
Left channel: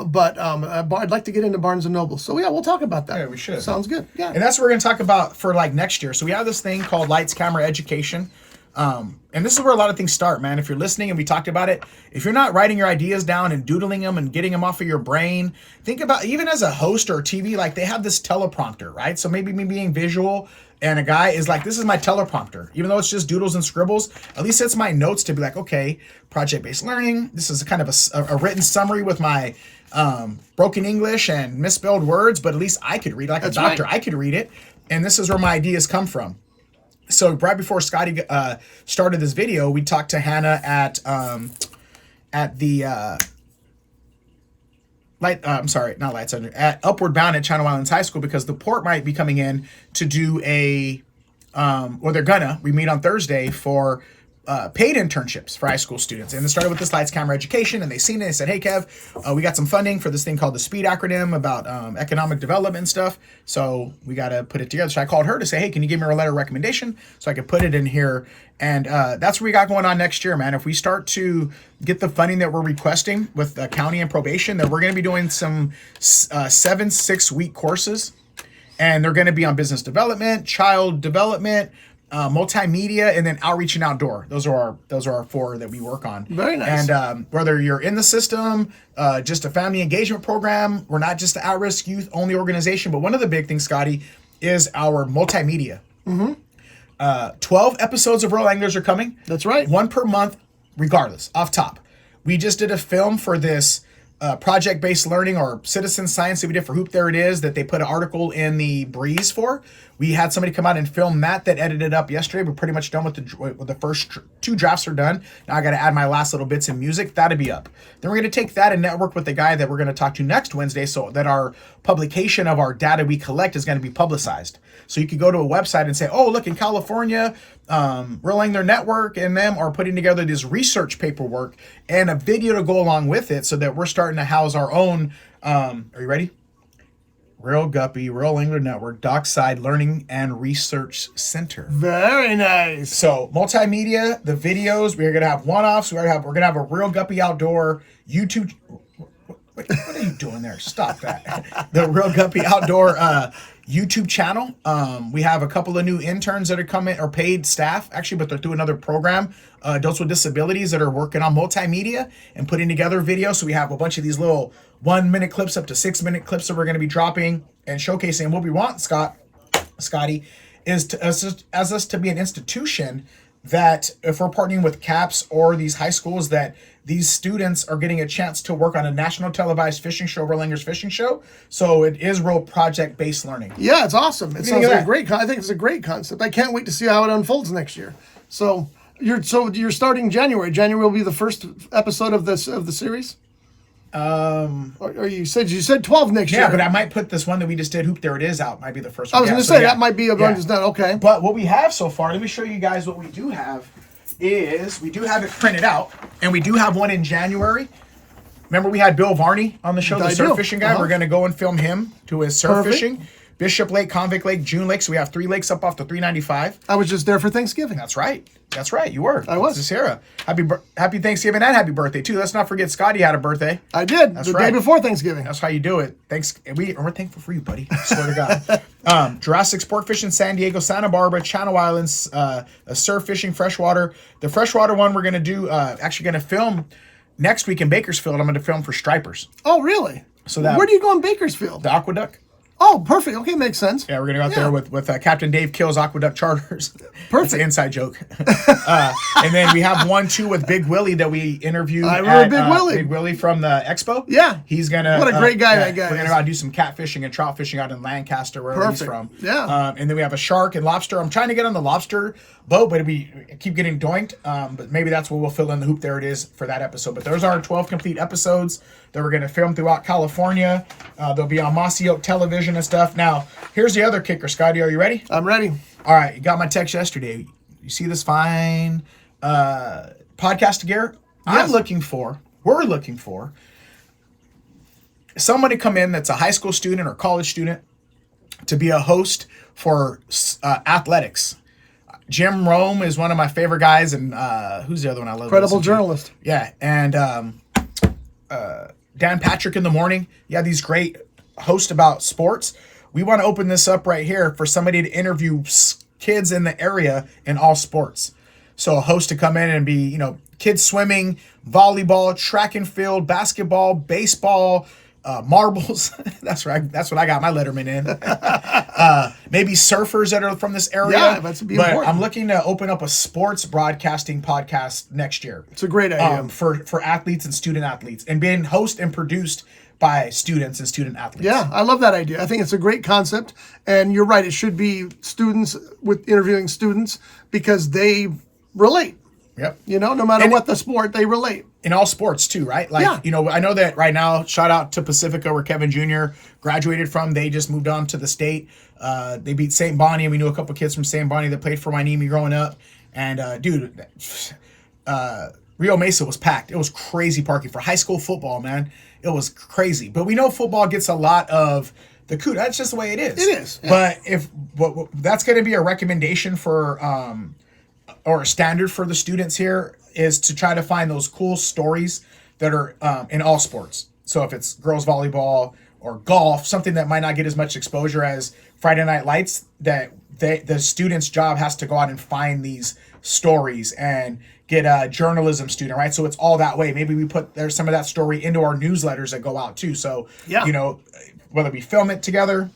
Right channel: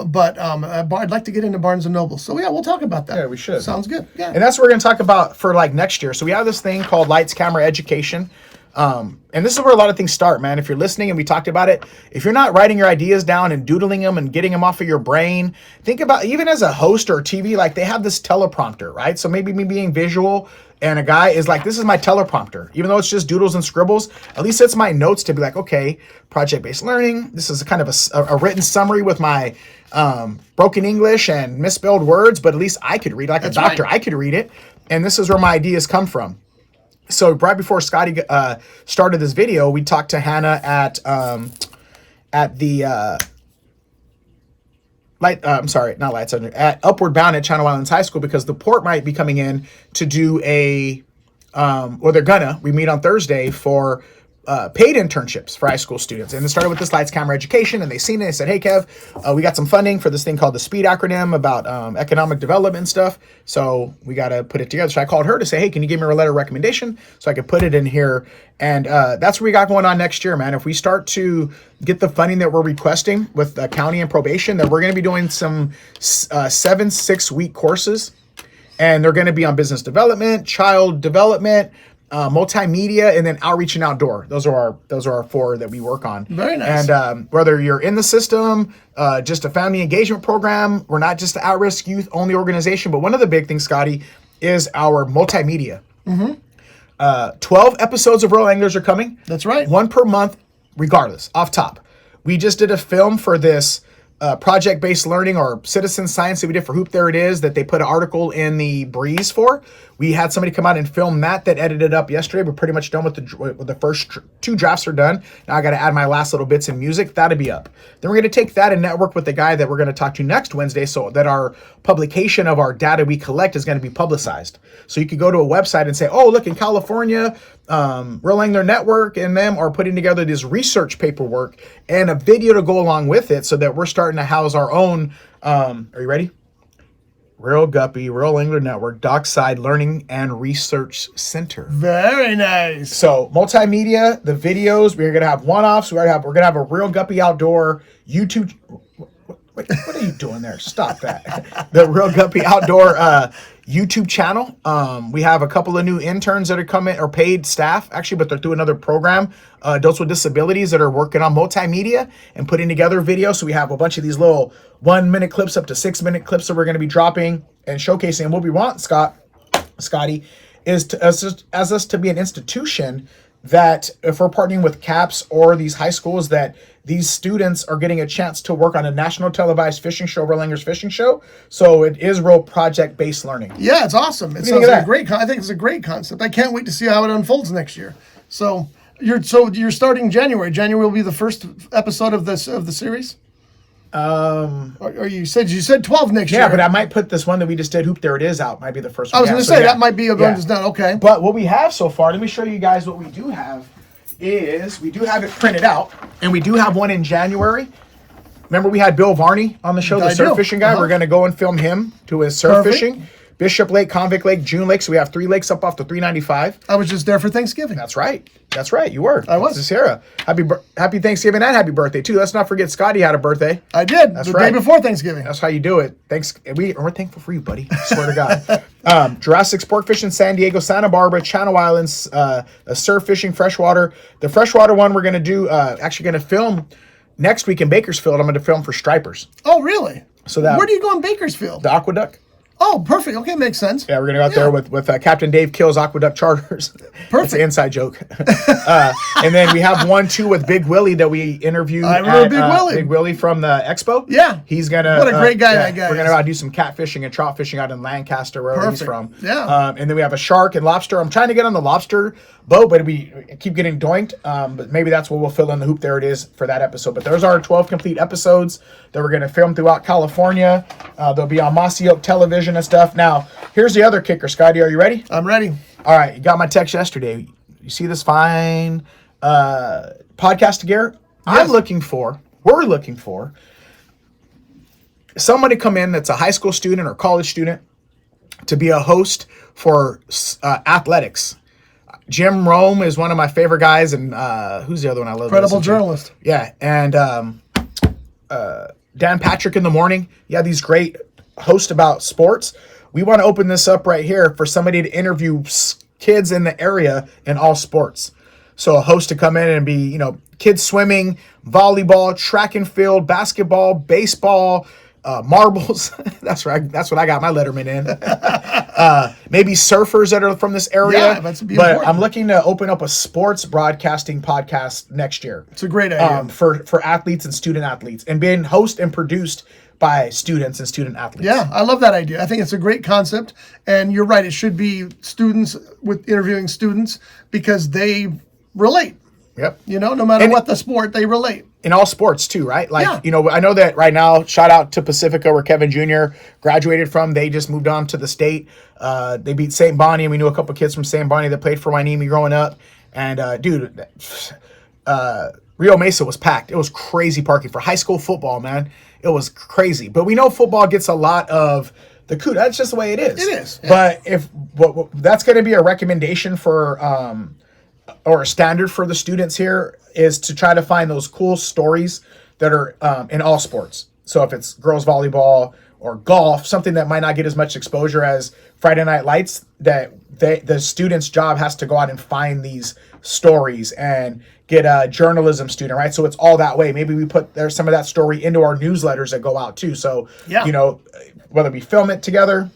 But I'd like to get into Barnes & Noble. So, yeah, we'll talk about that. Yeah, we should. Sounds good. Yeah. And that's what we're going to talk about for, like, next year. So we have this thing called Lights, Camera, Education. And this is where a lot of things start, man. If you're listening and we talked about it, if you're not writing your ideas down and doodling them and getting them off of your brain, think about even as a host or TV, like they have this teleprompter, right? So maybe me being visual and a guy is like, this is my teleprompter. Even though it's just doodles and scribbles, at least it's my notes to be like, okay, project-based learning. This is kind of a written summary with my broken English and misspelled words, but at least I could read like a doctor. Right. I could read it. And this is where my ideas come from. So right before Scotty started this video, we talked to Hannah at Upward Bound at Channel Islands High School, because the port might be coming in to do we meet on Thursday for paid internships for high school students. And it started with this Lights Camera Education, and they seen it. They said, hey, Kev, we got some funding for this thing called the SPEED acronym about economic development and stuff. So we got to put it together. So I called her to say, hey, can you give me a letter of recommendation so I could put it in here? And that's what we got going on next year, man. If we start to get the funding that we're requesting with the county and probation, then we're going to be doing some 7 6-week courses. And they're going to be on business development, child development, multimedia, and then outreach and outdoor. Those are our 4 that we work on. Very nice. And whether you're in the system, just a family engagement program, we're not just the at-risk youth only organization, but one of the big things, Scotty, is our multimedia. 12 episodes of Real Anglers are coming. That's right. 1 per month, regardless, off top. We just did a film for this project-based learning or citizen science that we did for Hoop There It Is, that they put an article in the Breeze for. We had somebody come out and film that edited up yesterday. We're pretty much done with the first 2 drafts are done. Now I got to add my last little bits in music. That'll be up. Then we're going to take that and network with the guy that we're going to talk to next Wednesday, so that our publication of our data we collect is going to be publicized. So you could go to a website and say, oh, look, in California, Real Angler Network and them are putting together this research paperwork and a video to go along with it, so that we're starting to house our own, are you ready? Reel Guppy, Real Angler Network, Dockside Learning and Research Center. Very nice. So multimedia, the videos, we're gonna have one-offs. We're gonna have a Reel Guppy outdoor YouTube. Wait, what are you doing there? Stop that. The Reel Guppy outdoor YouTube channel. We have a couple of new interns that are coming, or paid staff actually, but they're through another program. Adults with disabilities that are working on multimedia and putting together videos. So we have a bunch of these little 1-minute clips up to 6-minute clips that we're going to be dropping and showcasing. And what we want, Scotty, is as us to be an institution that if we're partnering with CAPS or these high schools, that these students are getting a chance to work on a national televised fishing show, Real Anglers Fishing Show. So it is real project-based learning. Yeah, it's awesome. It sounds like I think it's a great concept. I can't wait to see how it unfolds next year. So you're starting January. January will be the first episode of the series. Or you said 12 next year. Yeah, but I might put this one that we just did, Hoop There It Is, out. Might be the first one. I was going to say, that might be a one that's done. Okay. But what we have so far, let me show you guys what we do have, is we do have it printed out, and we do have one in January. Remember we had Bill Varney on the show, the surf fishing guy? We're going to go and film him to his surf fishing. Bishop Lake, Convict Lake, June Lake. So we have 3 lakes up off the 395. I was just there for Thanksgiving. That's right. You were. I was. Sarah. Happy Thanksgiving and happy birthday, too. Let's not forget Scotty had a birthday. I did. The day before Thanksgiving. That's how you do it. We're thankful for you, buddy. I swear to God. Jurassic Sport Fishing, San Diego, Santa Barbara, Channel Islands, surf fishing, freshwater. The freshwater one we're going to do, actually going to film next week in Bakersfield. I'm going to film for stripers. Oh, really? So that. Where do you go in Bakersfield? The Aqueduct. Oh, perfect. Okay, makes sense. Yeah, we're going to go out there with Captain Dave Kill's Aqueduct Charters. Perfect. It's an inside joke. And then we have one, too, with Big Willie that we interviewed. I remember Big Willie. Big Willie from the Expo. Yeah. He's going to... What a great guy that guy We're going to do some catfishing and trout fishing out in Lancaster, where he's from. Yeah. And then we have a shark and lobster. I'm trying to get on the lobster boat, but we keep getting doinked. But maybe that's what we'll fill in the Hoop There It Is for that episode. But those are 12 complete episodes that we're going to film throughout California. They'll be on Mossy Oak Television and stuff. Now, here's the other kicker. Scotty, are you ready? I'm ready. All right. You got my text yesterday. You see this fine podcast gear? Yes. We're looking for somebody to come in that's a high school student or college student to be a host for athletics. Jim Rome is one of my favorite guys, and who's the other one I love? Incredible journalist. Yeah, and Dan Patrick in the morning. Yeah, these great hosts about sports. We want to open this up right here for somebody to interview kids in the area in all sports. So a host to come in and be, kids swimming, volleyball, track and field, basketball, baseball, marbles. That's right. That's what I got my letterman in. Maybe surfers that are from this area. Yeah, but important. I'm looking to open up a sports broadcasting podcast next year. It's a great idea. For athletes and student athletes, and being hosted and produced by students and student athletes. Yeah, I love that idea. I think it's a great concept. And you're right. It should be students with interviewing students because they relate. Yep. No matter what the sport, they relate. In all sports too, right? Like, yeah. I know that right now, shout out to Pacifica where Kevin Jr. graduated from. They just moved on to the state. They beat St. Bonnie, and we knew a couple kids from St. Bonnie that played for Wainimi growing up. And Rio Mesa was packed. It was crazy parking for high school football, man. It was crazy. But we know football gets a lot of the coup. That's just the way it is. It is. Yeah. But that's going to be a recommendation for or a standard for the students here is to try to find those cool stories that are in all sports. So if it's girls volleyball or golf, something that might not get as much exposure as Friday Night Lights, that the student's job has to go out and find these stories and get a journalism student, right? So it's all that way. Maybe we put there's some of that story into our newsletters that go out too. So, whether we film it together,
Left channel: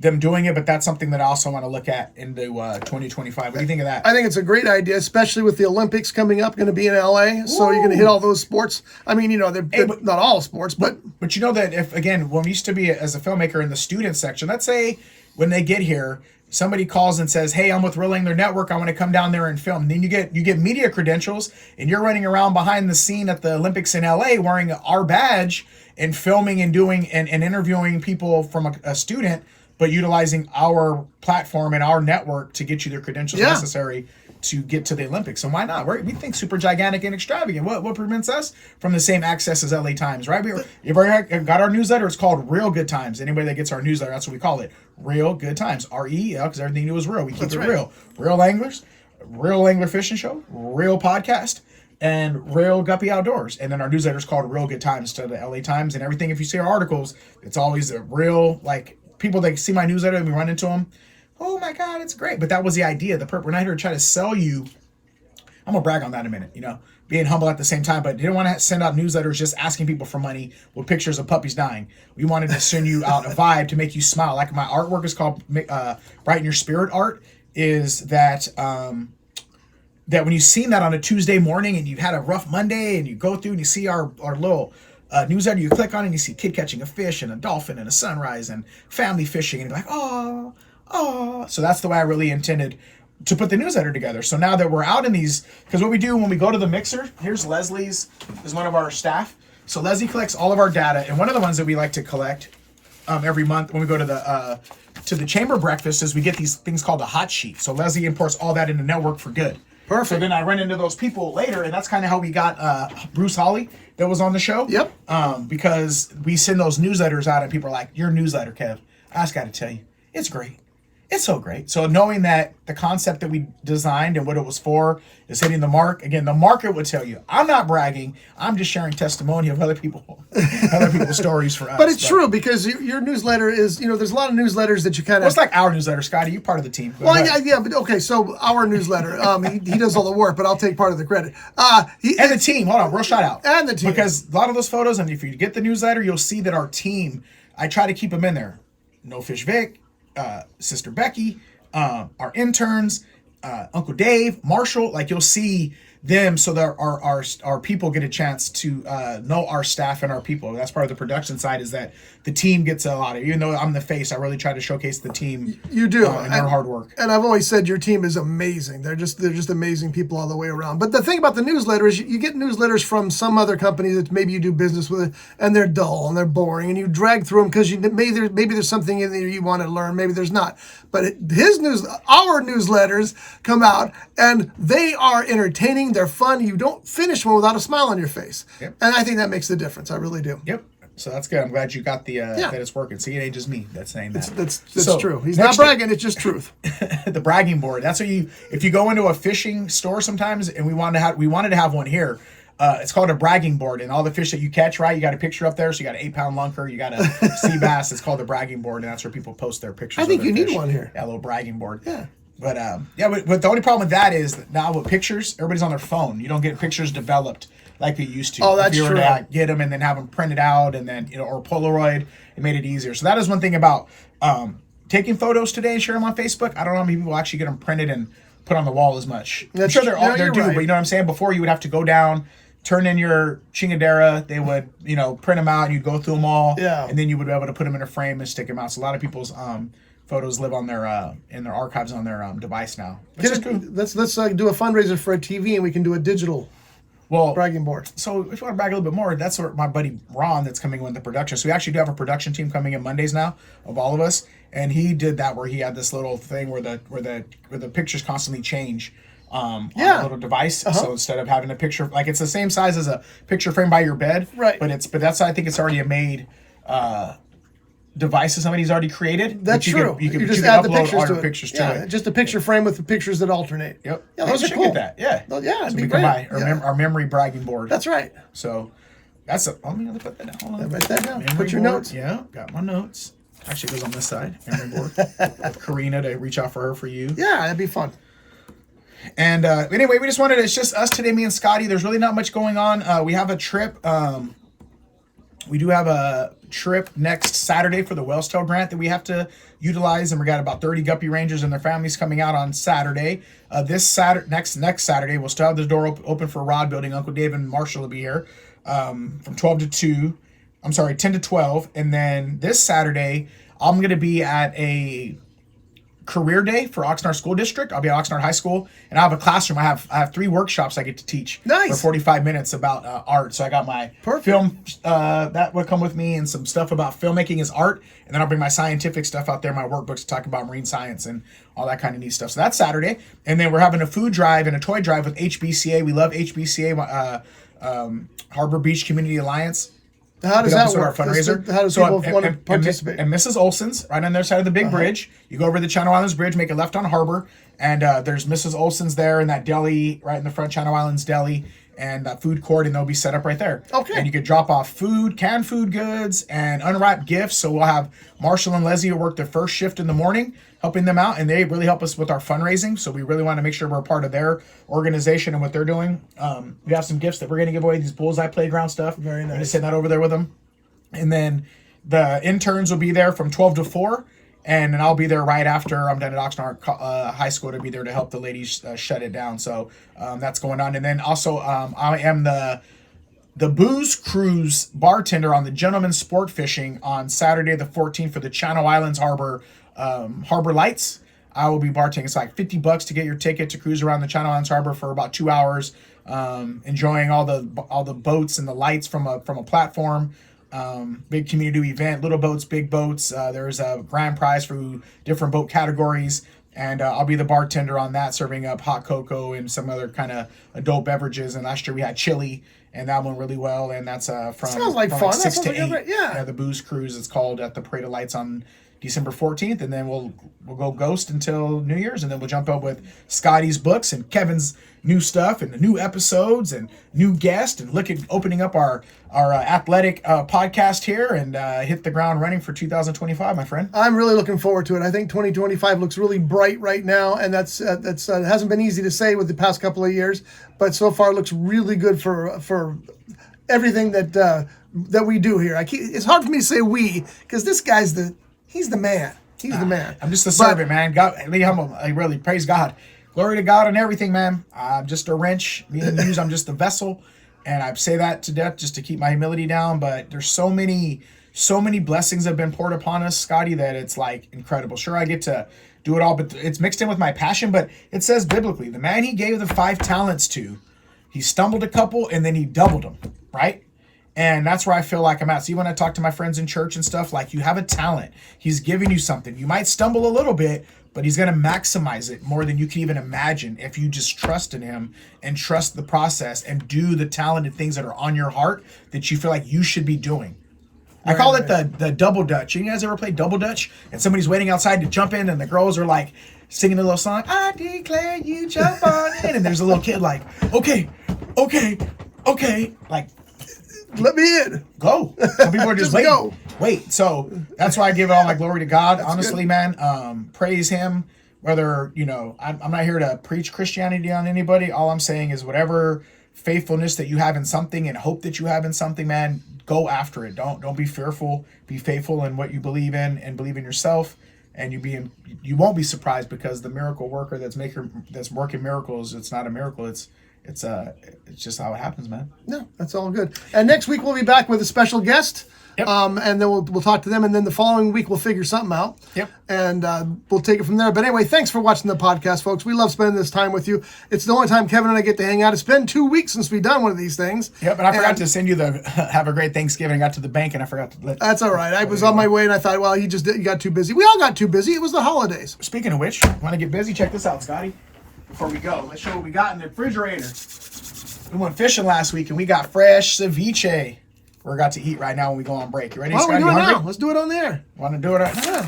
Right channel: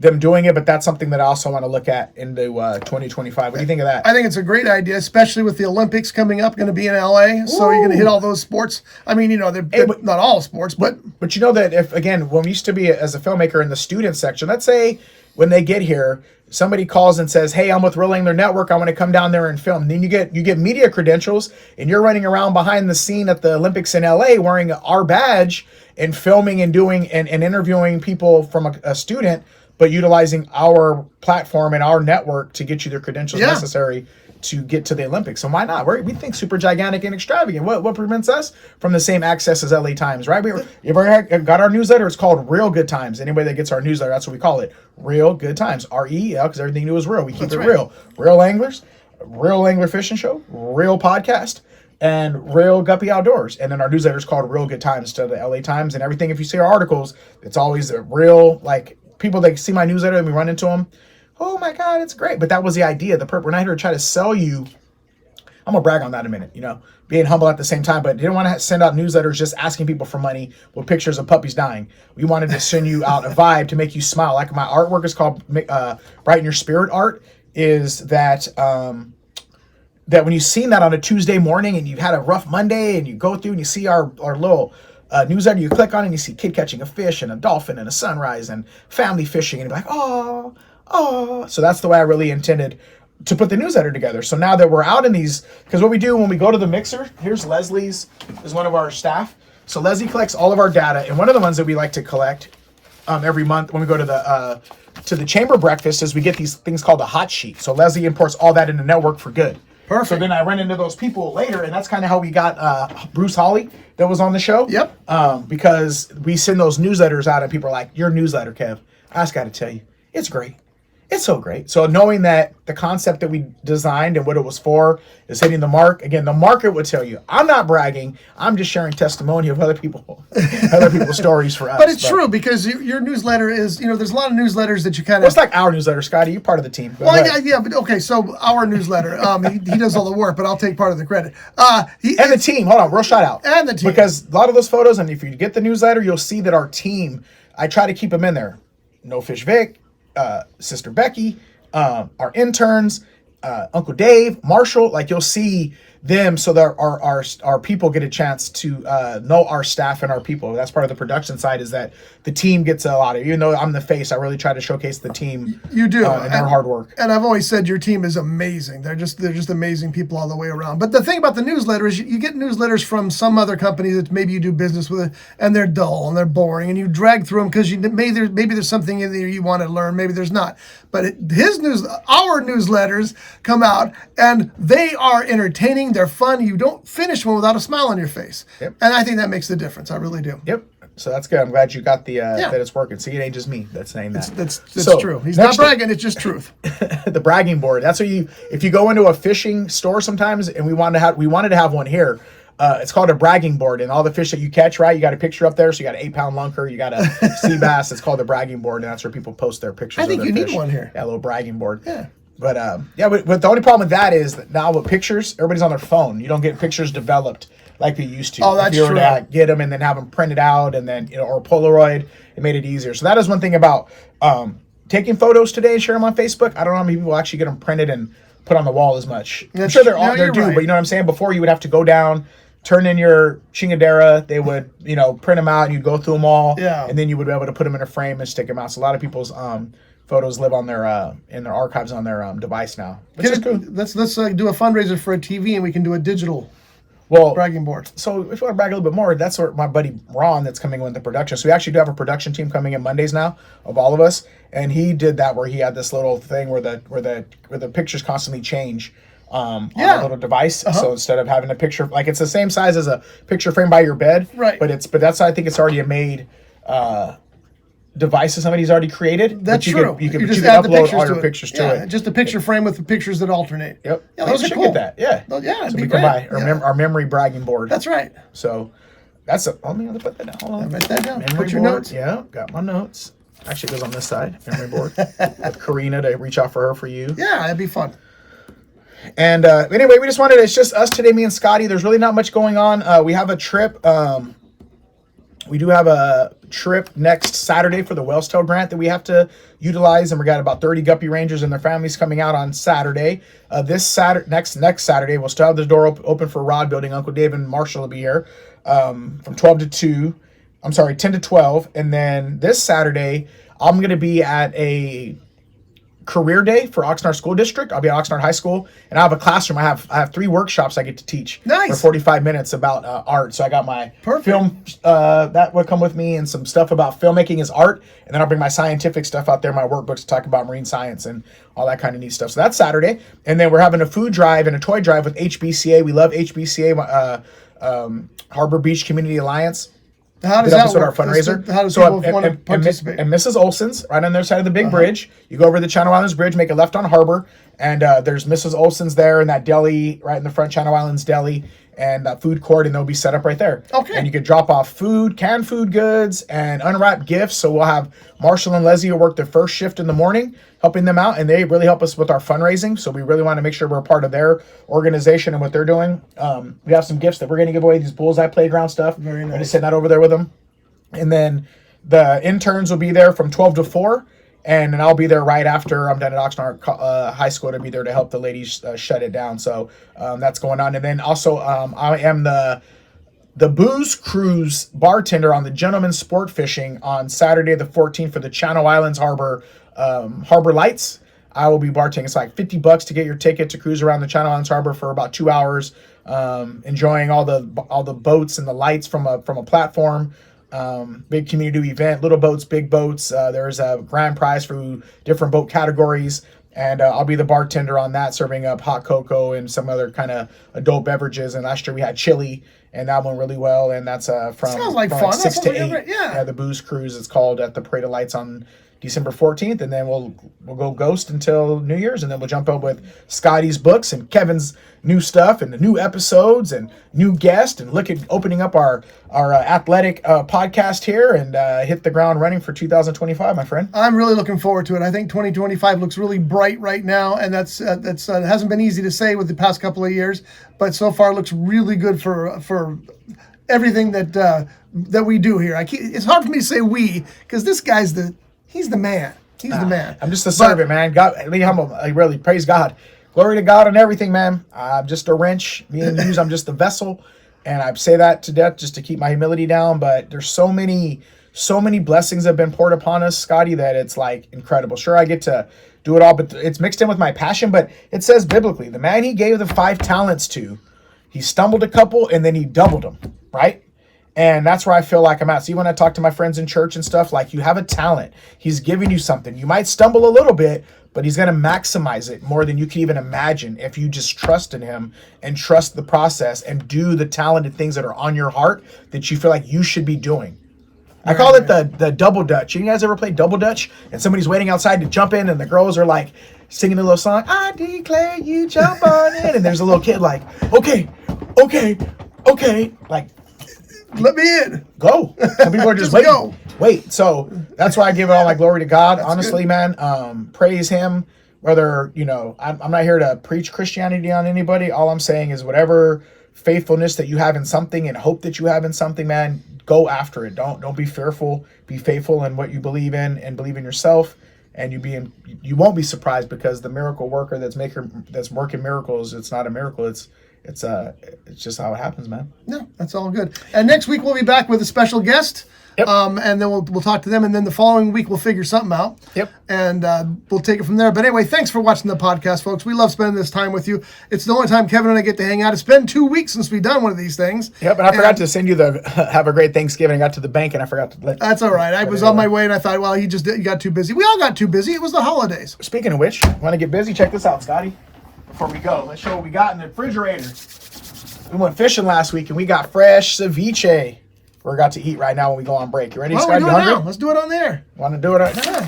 them doing it, but that's something that I also want to look at into 2025. What do you think of that? I think it's a great idea, especially with the Olympics coming up, going to be in LA. So you're going to hit all those sports. I mean, they're not all sports, but you know that if, again, when we used to be as a filmmaker in the student section, let's say when they get here, somebody calls and says, hey, I'm with Reel Angler Network. I want to come down there and film. And then you get media credentials and you're running around behind the scene at the Olympics in LA wearing our badge and filming and doing and interviewing people from a student, but utilizing our platform and our network to get you the credentials necessary to get to the Olympics. So why not? We think super gigantic and extravagant. What prevents us from the same access as LA Times, right? You've got our newsletter. It's called Reel Good Times. Anybody that gets our newsletter, that's what we call it. Reel Good Times. REEL, because everything new is real. We keep it real. Reel Anglers, Reel Angler Fishing Show, Reel Podcast, and Reel Guppy Outdoors. And then our newsletter is called Reel Good Times to the LA Times. And everything, if you see our articles, it's always a real, people that see my newsletter and we run into them, oh my God, it's great. But that was the idea, the purpose. We're not here to try to sell you. I'm going to brag on that in a minute, being humble at the same time, but didn't want to send out newsletters just asking people for money with pictures of puppies dying. We wanted to send you out a vibe to make you smile. Like my artwork is called Brighten Your Spirit Art, is that that when you've seen that on a Tuesday morning and you've had a rough Monday and you go through and you see our little newsletter, you click on it and you see a kid catching a fish and a dolphin and a sunrise and family fishing and you're like, oh. So that's the way I really intended to put the newsletter together. So now that we're out in these, because what we do when we go to the mixer, here's Leslie's, is one of our staff. So Leslie collects all of our data, and one of the ones that we like to collect every month when we go to the chamber breakfast is we get these things called a hot sheet. So Leslie imports all that into Network for Good. Perfect. So then I run into those people later, and that's kind of how we got Bruce Hawley that was on the show. Yep. Because we send those newsletters out, and people are like, your newsletter, Kev, I just got to tell you, it's great. It's so great. So knowing that the concept that we designed and what it was for is hitting the mark. Again, the market would tell you. I'm not bragging. I'm just sharing testimony of other people's stories for us. But it's true because your newsletter is, there's a lot of newsletters that you kind of. It's like our newsletter, Scotty. You're part of the team. Well, yeah, but okay. So our newsletter, he does all the work, but I'll take part of the credit. And the team. Hold on, real shout out. And the team, because a lot of those photos, and if you get the newsletter, you'll see that our team. I try to keep them in there. No Fish Vic. Sister Becky, our interns, Uncle Dave, Marshall, you'll see them so that our people get a chance to know our staff and our people. That's part of the production side, is that the team gets a lot of, even though I'm the face, I really try to showcase the team. You do. And their hard work. And I've always said your team is amazing. They're just amazing people all the way around. But the thing about the newsletter is you get newsletters from some other company that maybe you do business with, and they're dull and they're boring, and you drag through them because maybe there's something in there you want to learn, maybe there's not. But our newsletters come out and they are entertaining, they're fun. You don't finish one without a smile on your face. Yep. And I think that makes the difference. I really do. Yep. So that's good. I'm glad you got that it's working. See, it ain't just me that's saying that. That's true. He's not bragging, it's just truth. The bragging board. That's what if you go into a fishing store sometimes, and we wanted to have one here. It's called a bragging board, and all the fish that you catch, right? You got a picture up there, so you got an 8-pound lunker, you got a sea bass. It's called the bragging board, and that's where people post their pictures. I think of their you fish. need one here. Yeah, a little bragging board. Yeah. But but the only problem with that is that now with pictures, everybody's on their phone. You don't get pictures developed like we used to. Oh, that's if you were true. to get them and then have them printed out and then or Polaroid, it made it easier. So that is one thing about taking photos today and share them on Facebook. I don't know how many people actually get them printed and put on the wall as much. I'm sure they're due, right. But you know what I'm saying? Before you would have to go down, turn in your chingadera, they would, print them out and you'd go through them all. Yeah. And then you would be able to put them in a frame and stick them out. So a lot of people's photos live on their in their archives on their device now. Cool. Let's do a fundraiser for a TV and we can do a digital bragging board. So if you want to brag a little bit more, that's where my buddy Ron that's coming with the production. So we actually do have a production team coming in Mondays now of all of us. And he did that where he had this little thing where the pictures constantly change on a little device. Uh-huh. So instead of having a picture, like it's the same size as a picture frame by your bed, right? But I think it's already a made device that somebody's already created. That's true. You can add the pictures all your pictures to it. Just a picture frame with the pictures that alternate. Yep. Yeah, those are cool. Get that. Yeah. Well, yeah, it'd so be we great. can buy our memory bragging board. That's right. So let me put that down. Hold on. Write that down. Memory Put your board. notes. Yeah, got my notes. Actually, it goes on this side. Memory board. With Karina to reach out for her for you. Yeah, that'd be fun. And anyway, it's just us today, me and Scotty. There's really not much going on. We have a trip. We do have a trip next Saturday for the Wellstail grant that we have to utilize, and we got about 30 guppy rangers and their families coming out on Saturday. This Saturday, next Saturday, we'll still have the door open for Rod Building. Uncle Dave and Marshall will be here from 12 to 2. I'm sorry, 10 to 12. And then this Saturday, I'm going to be at a career day for Oxnard School District. I'll be at Oxnard High School, and I have a classroom. I have 3 workshops I get to teach. Nice. For 45 minutes about art. So I got my film that would come with me, and some stuff about filmmaking is art, and then I'll bring my scientific stuff out there, my workbooks to talk about marine science and all that kind of neat stuff. So that's Saturday, and then we're having a food drive and a toy drive with HBCA. We love HBCA, Harbor Beach Community Alliance. How does that work? Our fundraiser. How does people want to participate? And Mrs. Olson's right on the other side of the big bridge. You go over the Channel Islands Bridge, make a left on Harbor, and there's Mrs. Olson's there in that deli right in the front, Channel Islands Deli, and that food court, and they'll be set up right there. Okay. And you can drop off food, canned food goods, and unwrapped gifts. So we'll have Marshall and Leslie who work the first shift in the morning, helping them out, and they really help us with our fundraising. So we really want to make sure we're a part of their organization and what they're doing. We have some gifts that we're going to give away, these bullseye playground stuff. Very nice. I'm just sitting that over there with them. And then the interns will be there from 12 to 4, and then I'll be there right after I'm done at Oxnard High School to be there to help the ladies shut it down. So that's going on. And then also I am the booze cruise bartender on the Gentleman's Sport Fishing on Saturday the 14th for the Channel Islands Harbor Lights. I will be bartending. It's like $50 to get your ticket to cruise around the Channel Islands Harbor for about 2 hours, enjoying all the boats and the lights from a platform. Big community event, little boats, big boats. There's a grand prize for different boat categories, and I'll be the bartender on that, serving up hot cocoa and some other kind of adult beverages. And last year we had chili, and that went really well. And that's from sounds like fun. Like 6 to 8. Yeah, the booze cruise is called at the Parade of Lights on December 14th, and then we'll go ghost until New Year's, and then we'll jump up with Scotty's books and Kevin's new stuff and the new episodes and new guests, and look at opening up our athletic podcast here and hit the ground running for 2025, my friend. I'm really looking forward to it. I think 2025 looks really bright right now, and that's it hasn't been easy to say with the past couple of years, but so far it looks really good for everything that we do here. It's hard for me to say we, because this guy's he's the man. He's the man. I'm just a servant, man. God, I really praise God. Glory to God on everything, man. I'm just a wrench. Me and you, I'm just the vessel. And I say that to death just to keep my humility down. But there's so many blessings have been poured upon us, Scotty, that it's like incredible. Sure, I get to do it all, but it's mixed in with my passion. But it says biblically, the man he gave the 5 talents to, he stumbled a couple and then he doubled them, right? And that's where I feel like I'm at. See, when I talk to my friends in church and stuff, like, you have a talent. He's giving you something. You might stumble a little bit, but he's going to maximize it more than you can even imagine if you just trust in him and trust the process and do the talented things that are on your heart that you feel like you should be doing. I call it the double dutch. You guys ever play double dutch? And somebody's waiting outside to jump in and the girls are like singing a little song, I declare you jump on in. And there's a little kid like, okay. Like, let me in. Go. Some people are just waiting. Go. Wait. So that's why I give all my glory to God. That's honestly, good. Man. Praise him. whether, you know, I'm not here to preach Christianity on anybody. All I'm saying is whatever faithfulness that you have in something and hope that you have in something, man, go after it. Don't be fearful. Be faithful in what you believe in and believe in yourself. And you won't be surprised, because the miracle worker that's working miracles, it's not a miracle. It's just how it happens, man. No, that's all good. And next week we'll be back with a special guest. Yep. And then we'll talk to them, and then the following week we'll figure something out. Yep. And we'll take it from there. But anyway, thanks for watching the podcast, folks. We love spending this time with you. It's the only time Kevin and I get to hang out. It's been 2 weeks since we've done one of these things. Yep. And I forgot to send you the have a great Thanksgiving. I got to the bank and I forgot to let. That's all right. I was on my way and I thought, well, he got too busy. We all got too busy. It was the holidays. Speaking of which, want to get busy? Check this out, Scotty. Before we go, let's show what we got in the refrigerator. We went fishing last week and we got fresh ceviche. We're about to eat right now when we go on break. You ready, Scott? Well, we do it now. Let's do it on there. Want to do it?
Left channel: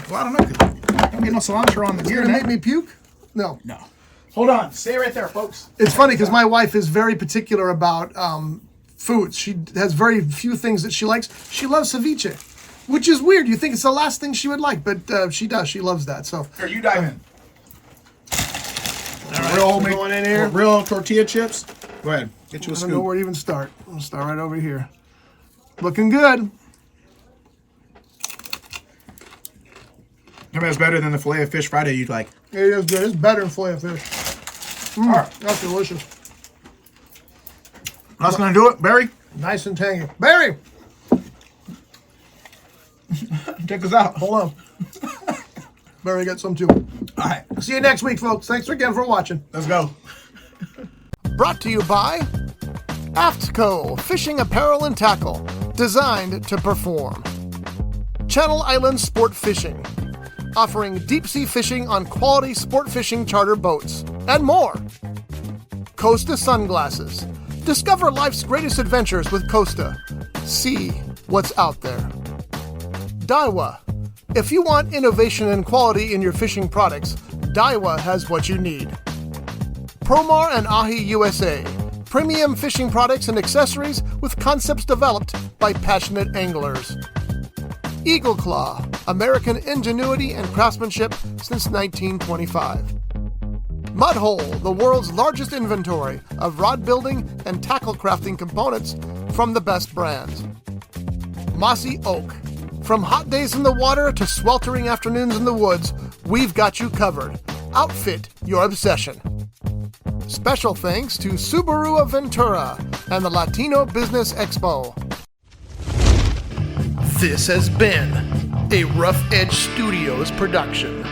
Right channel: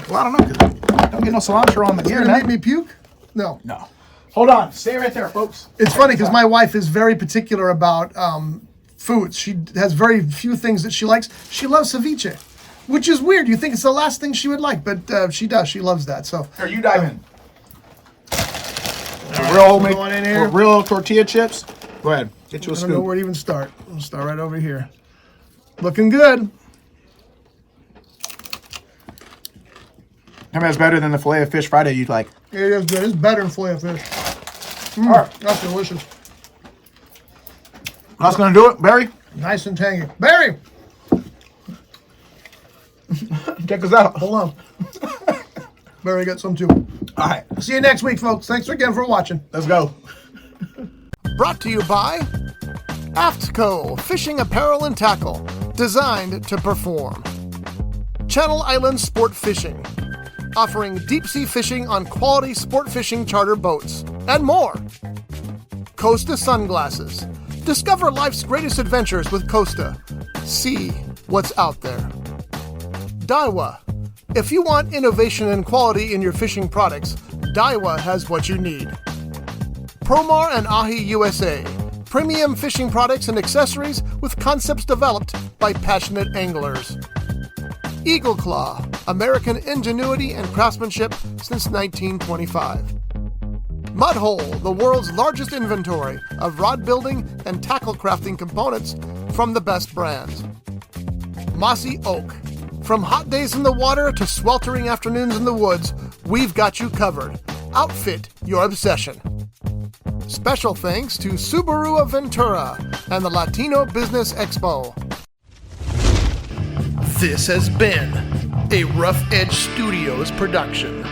Well, I don't know. Don't get no cilantro on the gear. You're going to make me puke? No. Hold on. Stay right there, folks. It's funny because my wife is very particular about foods. She has very few things that she likes. She loves ceviche, which is weird. You think it's the last thing she would like, but she does. She loves that. So here, you dive in. Going in here. Real tortilla chips. Go ahead. Get you a scoop. I don't know where to even start. I'll start right over here. Looking good. I mean, it's better than the filet of fish Friday you like. It is good. It's better than filet of fish. All right. That's delicious. That's going to do it, Barry. Nice and tangy. Barry! Check us out. Hold on. Barry got some too. All right. See you next week, folks. Thanks again for watching. Let's go. Brought to you by AftCo Fishing Apparel and Tackle, designed to perform. Channel Islands Sport Fishing, offering deep-sea fishing on quality sport fishing charter boats, and more. Costa Sunglasses. Discover life's greatest adventures with Costa. See what's out there. Daiwa. If you want innovation and quality in your fishing products, Daiwa has what you need. Promar and Ahi USA. Premium fishing products and accessories with concepts developed by passionate anglers. Eagle Claw, American ingenuity and craftsmanship since 1925. Mudhole, the world's largest inventory of rod building and tackle crafting components from the best brands. Mossy Oak, from hot days in the water to sweltering afternoons in the woods, we've got you covered. Outfit your obsession. Special thanks to Subaru of Ventura and the Latino Business Expo. This has been a Rough Edge Studios production.